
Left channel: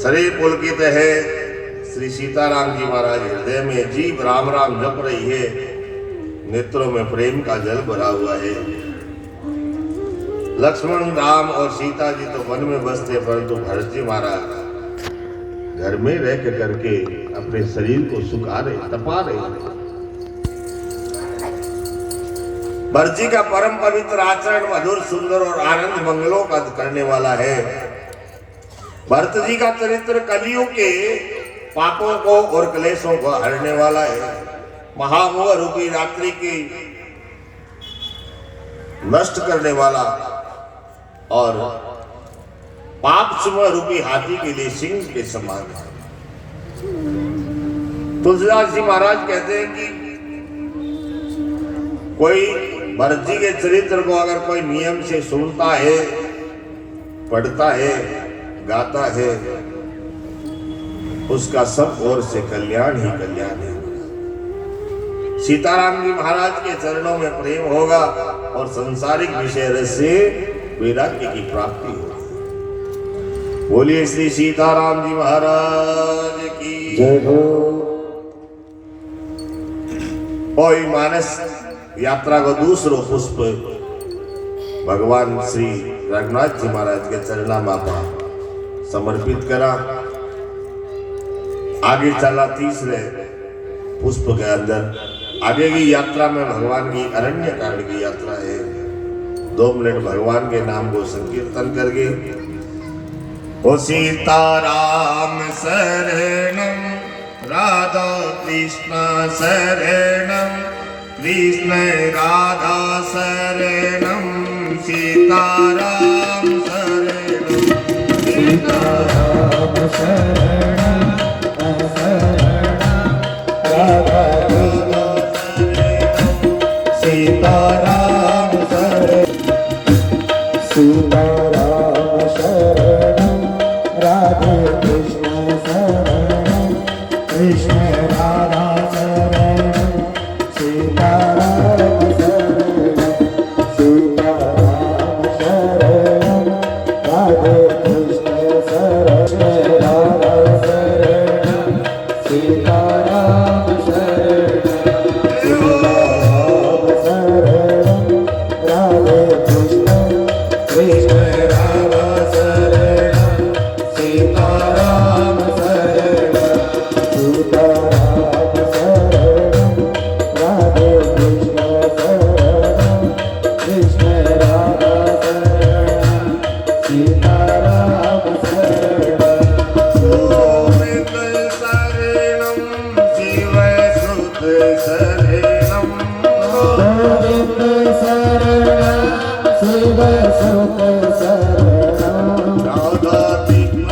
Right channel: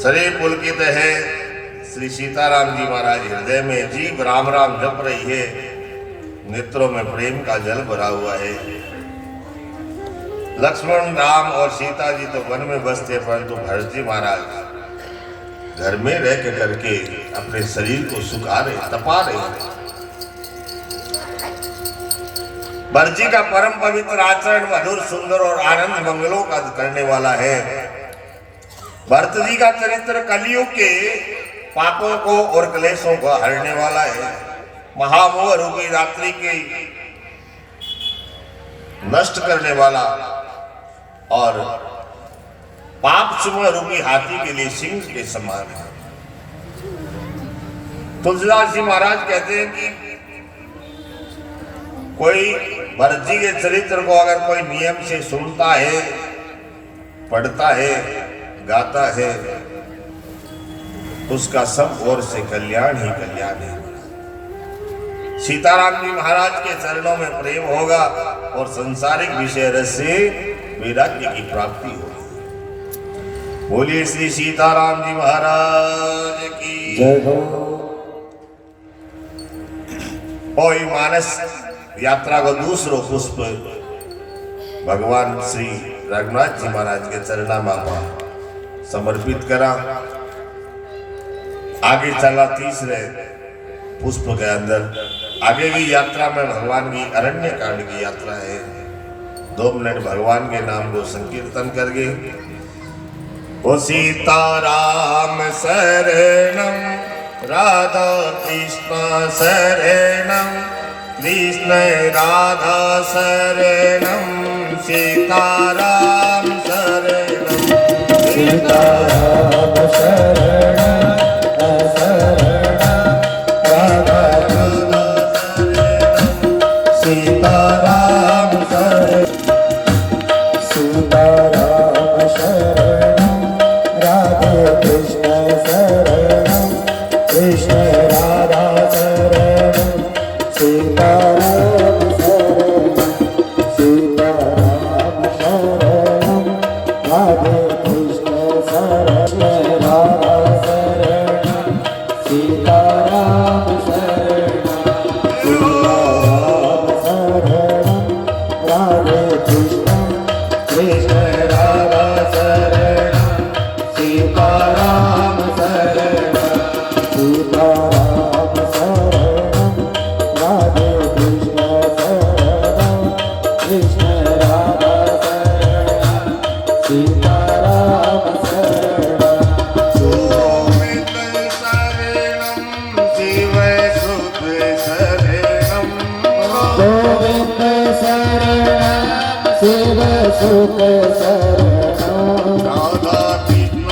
सरे पुलकित है श्री सीताराम जी महाराज, हृदय में जीव राम राम जप रही है, नेत्रों में प्रेम का जल भरा हुआ है। लक्ष्मण राम और सीता जी तो वन में बसते, परंतु भरत जी महाराज घर में रह के करके अपने शरीर को सुखा रहे, तपा रहे। भरत जी का परम पवित्र आचरण मधुर सुंदर और आनंद मंगलों का करने वाला है। भरत जी का चरित्र कलियुग के पापों को और क्लेशों को हरने वाला है। महामोह रूपी रात्रि की नष्ट करने वाला और पाप सिंह रूपी हाथी के लिए सिंह के समान है। तुलसीदास जी महाराज कहते हैं कि कोई भरत जी के चरित्र को अगर कोई नियम से सुनता है, पढ़ता है, गाता है, उसका सब ओर से कल्याण ही कल्याण है। सीताराम जी महाराज के चरणों में प्रेम होगा और सांसारिक विषय रस से वैराग्य की प्राप्ति होगी। बोलिए श्री सीताराम जी महाराज की जय हो। कोई मानस यात्रा को दूसरो पुष्प भगवान श्री रघुनाथ जी महाराज के चरणामा समर्पित करा। आगे चला तीसरे पुष्प के अंदर। आगे की यात्रा में भगवान की अरण्य कांड की यात्रा है। 2 मिनट भगवान के नाम को संकीर्तन करके ओ सीताराम शरणम राधा कृष्ण शरणम कृष्ण राधा शरणम सीताराम शरणम सीताराम शरणम सीताराम शरणं राधे कृष्ण शरणं कृष्ण राधा शरणं सीताराम शरणं राधे कृष्ण शरणं राधा शरणं सीताराम शरणं राधे कृष्ण कृष्ण राधा शरणं सीताराम शरणं सीताराम शरणं राधे कृष्ण शरणं कृष्ण राधा शरणं सीताराम शरणं गोविंद शरणं शिव सुख शरणं गोविंद शरणं शिव सुख शरणं राधा कृष्ण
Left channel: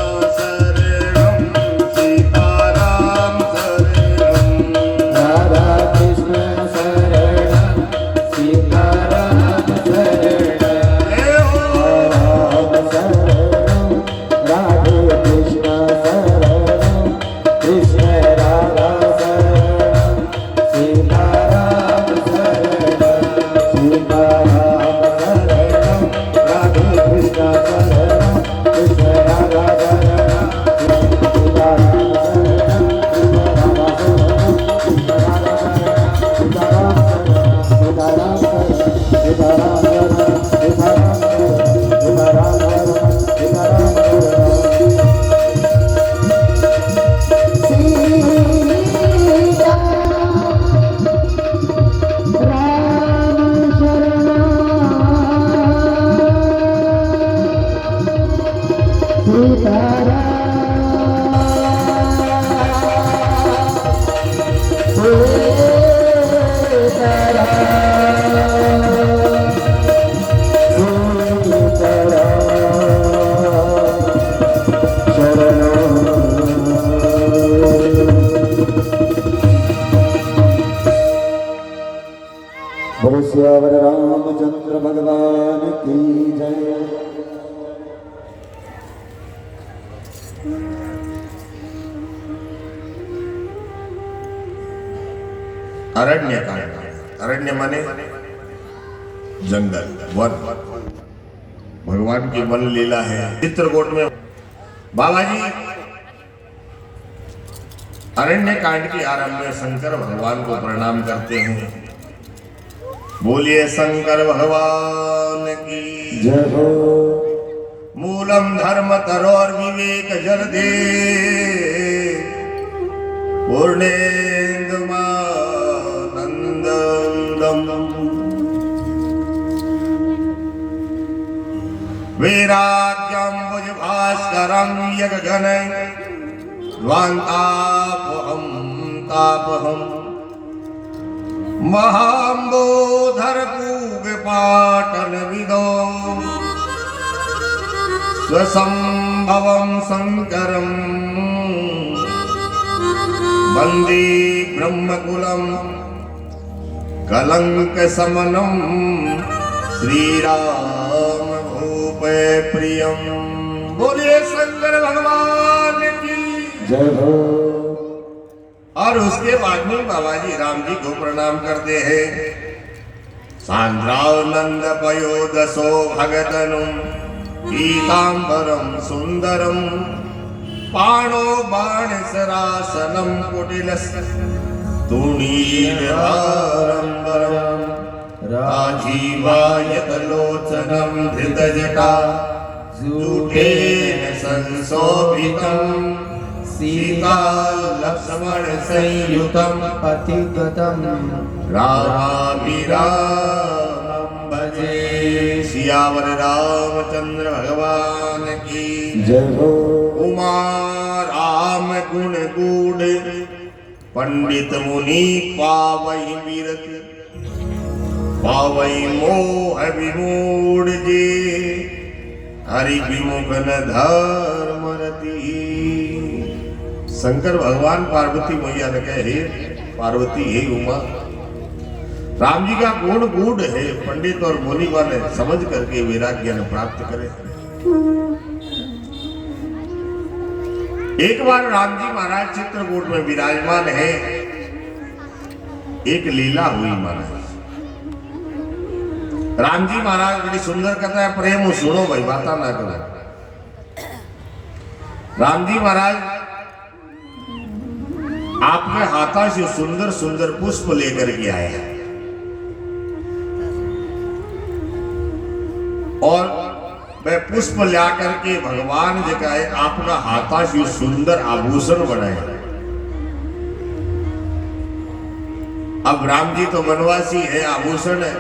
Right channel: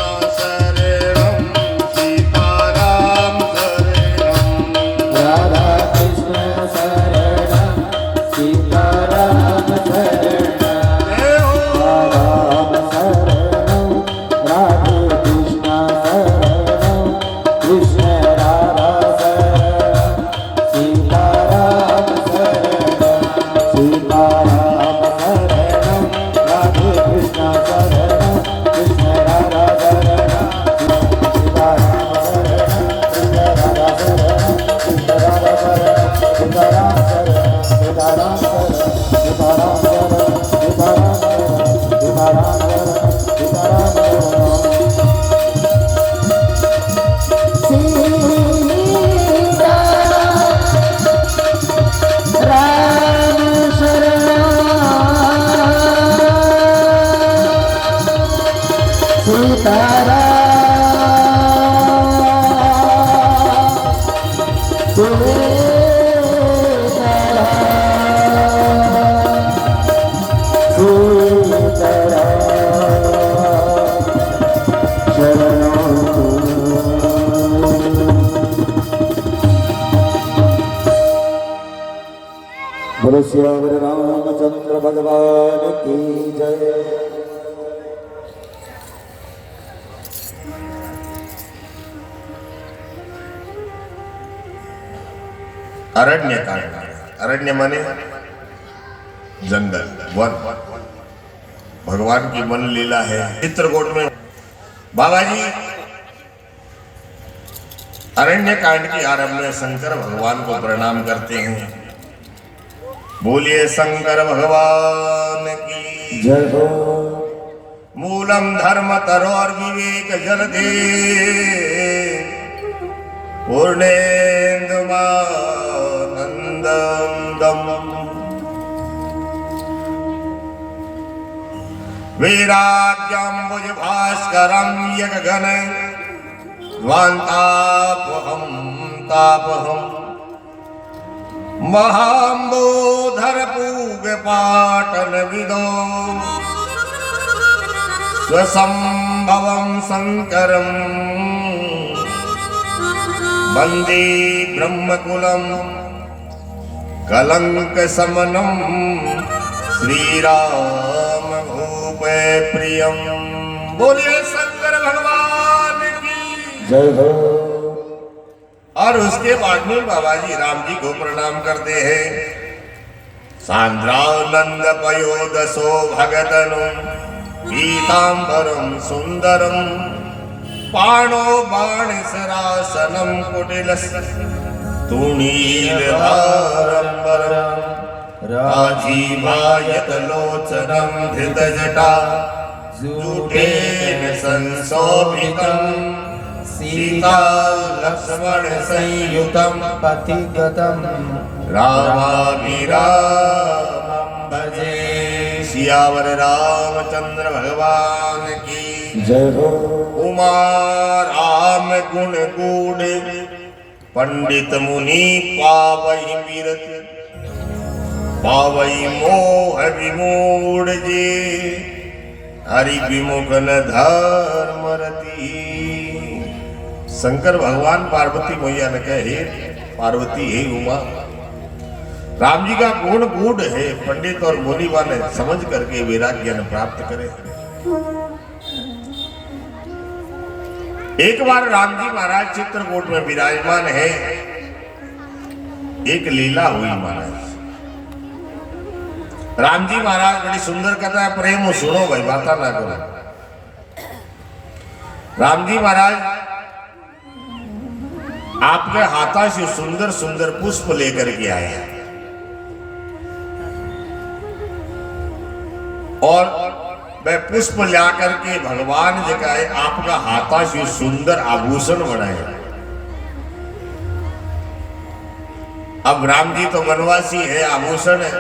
अरण्य का अरण्य माने जंगल वन। भगवान की वन लीला है चित्रकूट में। बाबा जी अरण्य कांड की आरंभ में शंकर भगवान को प्रणाम करते हैं। बोलिए शंकर भगवान की जय हो। मूलम धर्म तरो और विवेक जल दे पूर्णेन्दुमानंदम वैराग्यम भुज भास्करम यगगन वान्तापहम तापहम महाम्बोधर पूग पाटन विदो स्वसंभवं शंकरं वंदे ब्रह्मकुलं कलंक समनं श्रीराम भूपे प्रियं। बोलिए शंकर भगवान की जय हो। और उसके बाद में बाबा जी राम जी को प्रणाम करते हैं। सांद्रानंद पयोदसो भगतनु पीतांबरम सुंदरम पाणो बाण सरासनम कुटिलस तुणीर भारंबरम राजीवायत लोचनम धृत जटा जूटेन संशोभितम सीता लक्ष्मण संयुतम पतिगतम रामाभिरामं भजे। सियावर रामचंद्र भगवान की जय हो। उमा राम गुण गूढ़ पंडित मुनि पावई विरत पावई मोह विमूढ़ जे हरि विमुख न धर्मरती। शंकर भगवान पार्वती मैया ने कहे पार्वती हे उमा, राम जी का गुण गूढ़ है, पंडित और मुनि वाले समझ करके वैराग्य ज्ञान प्राप्त करें। एक बार राम जी महाराज चित्रकूट में विराजमान है। एक लीला हुई महाराज। राम जी महाराज बड़ी सुंदर कथा है, प्रेम सुनो भाई, बाता ना करो। राम जी महाराज आपके हाथा से सुंदर सुंदर पुष्प लेकर के आए हैं और वह पुष्प ला करके भगवान जी का आपका हाथा से सुंदर आभूषण बनाए। अब राम जी तो वनवासी है, आभूषण है,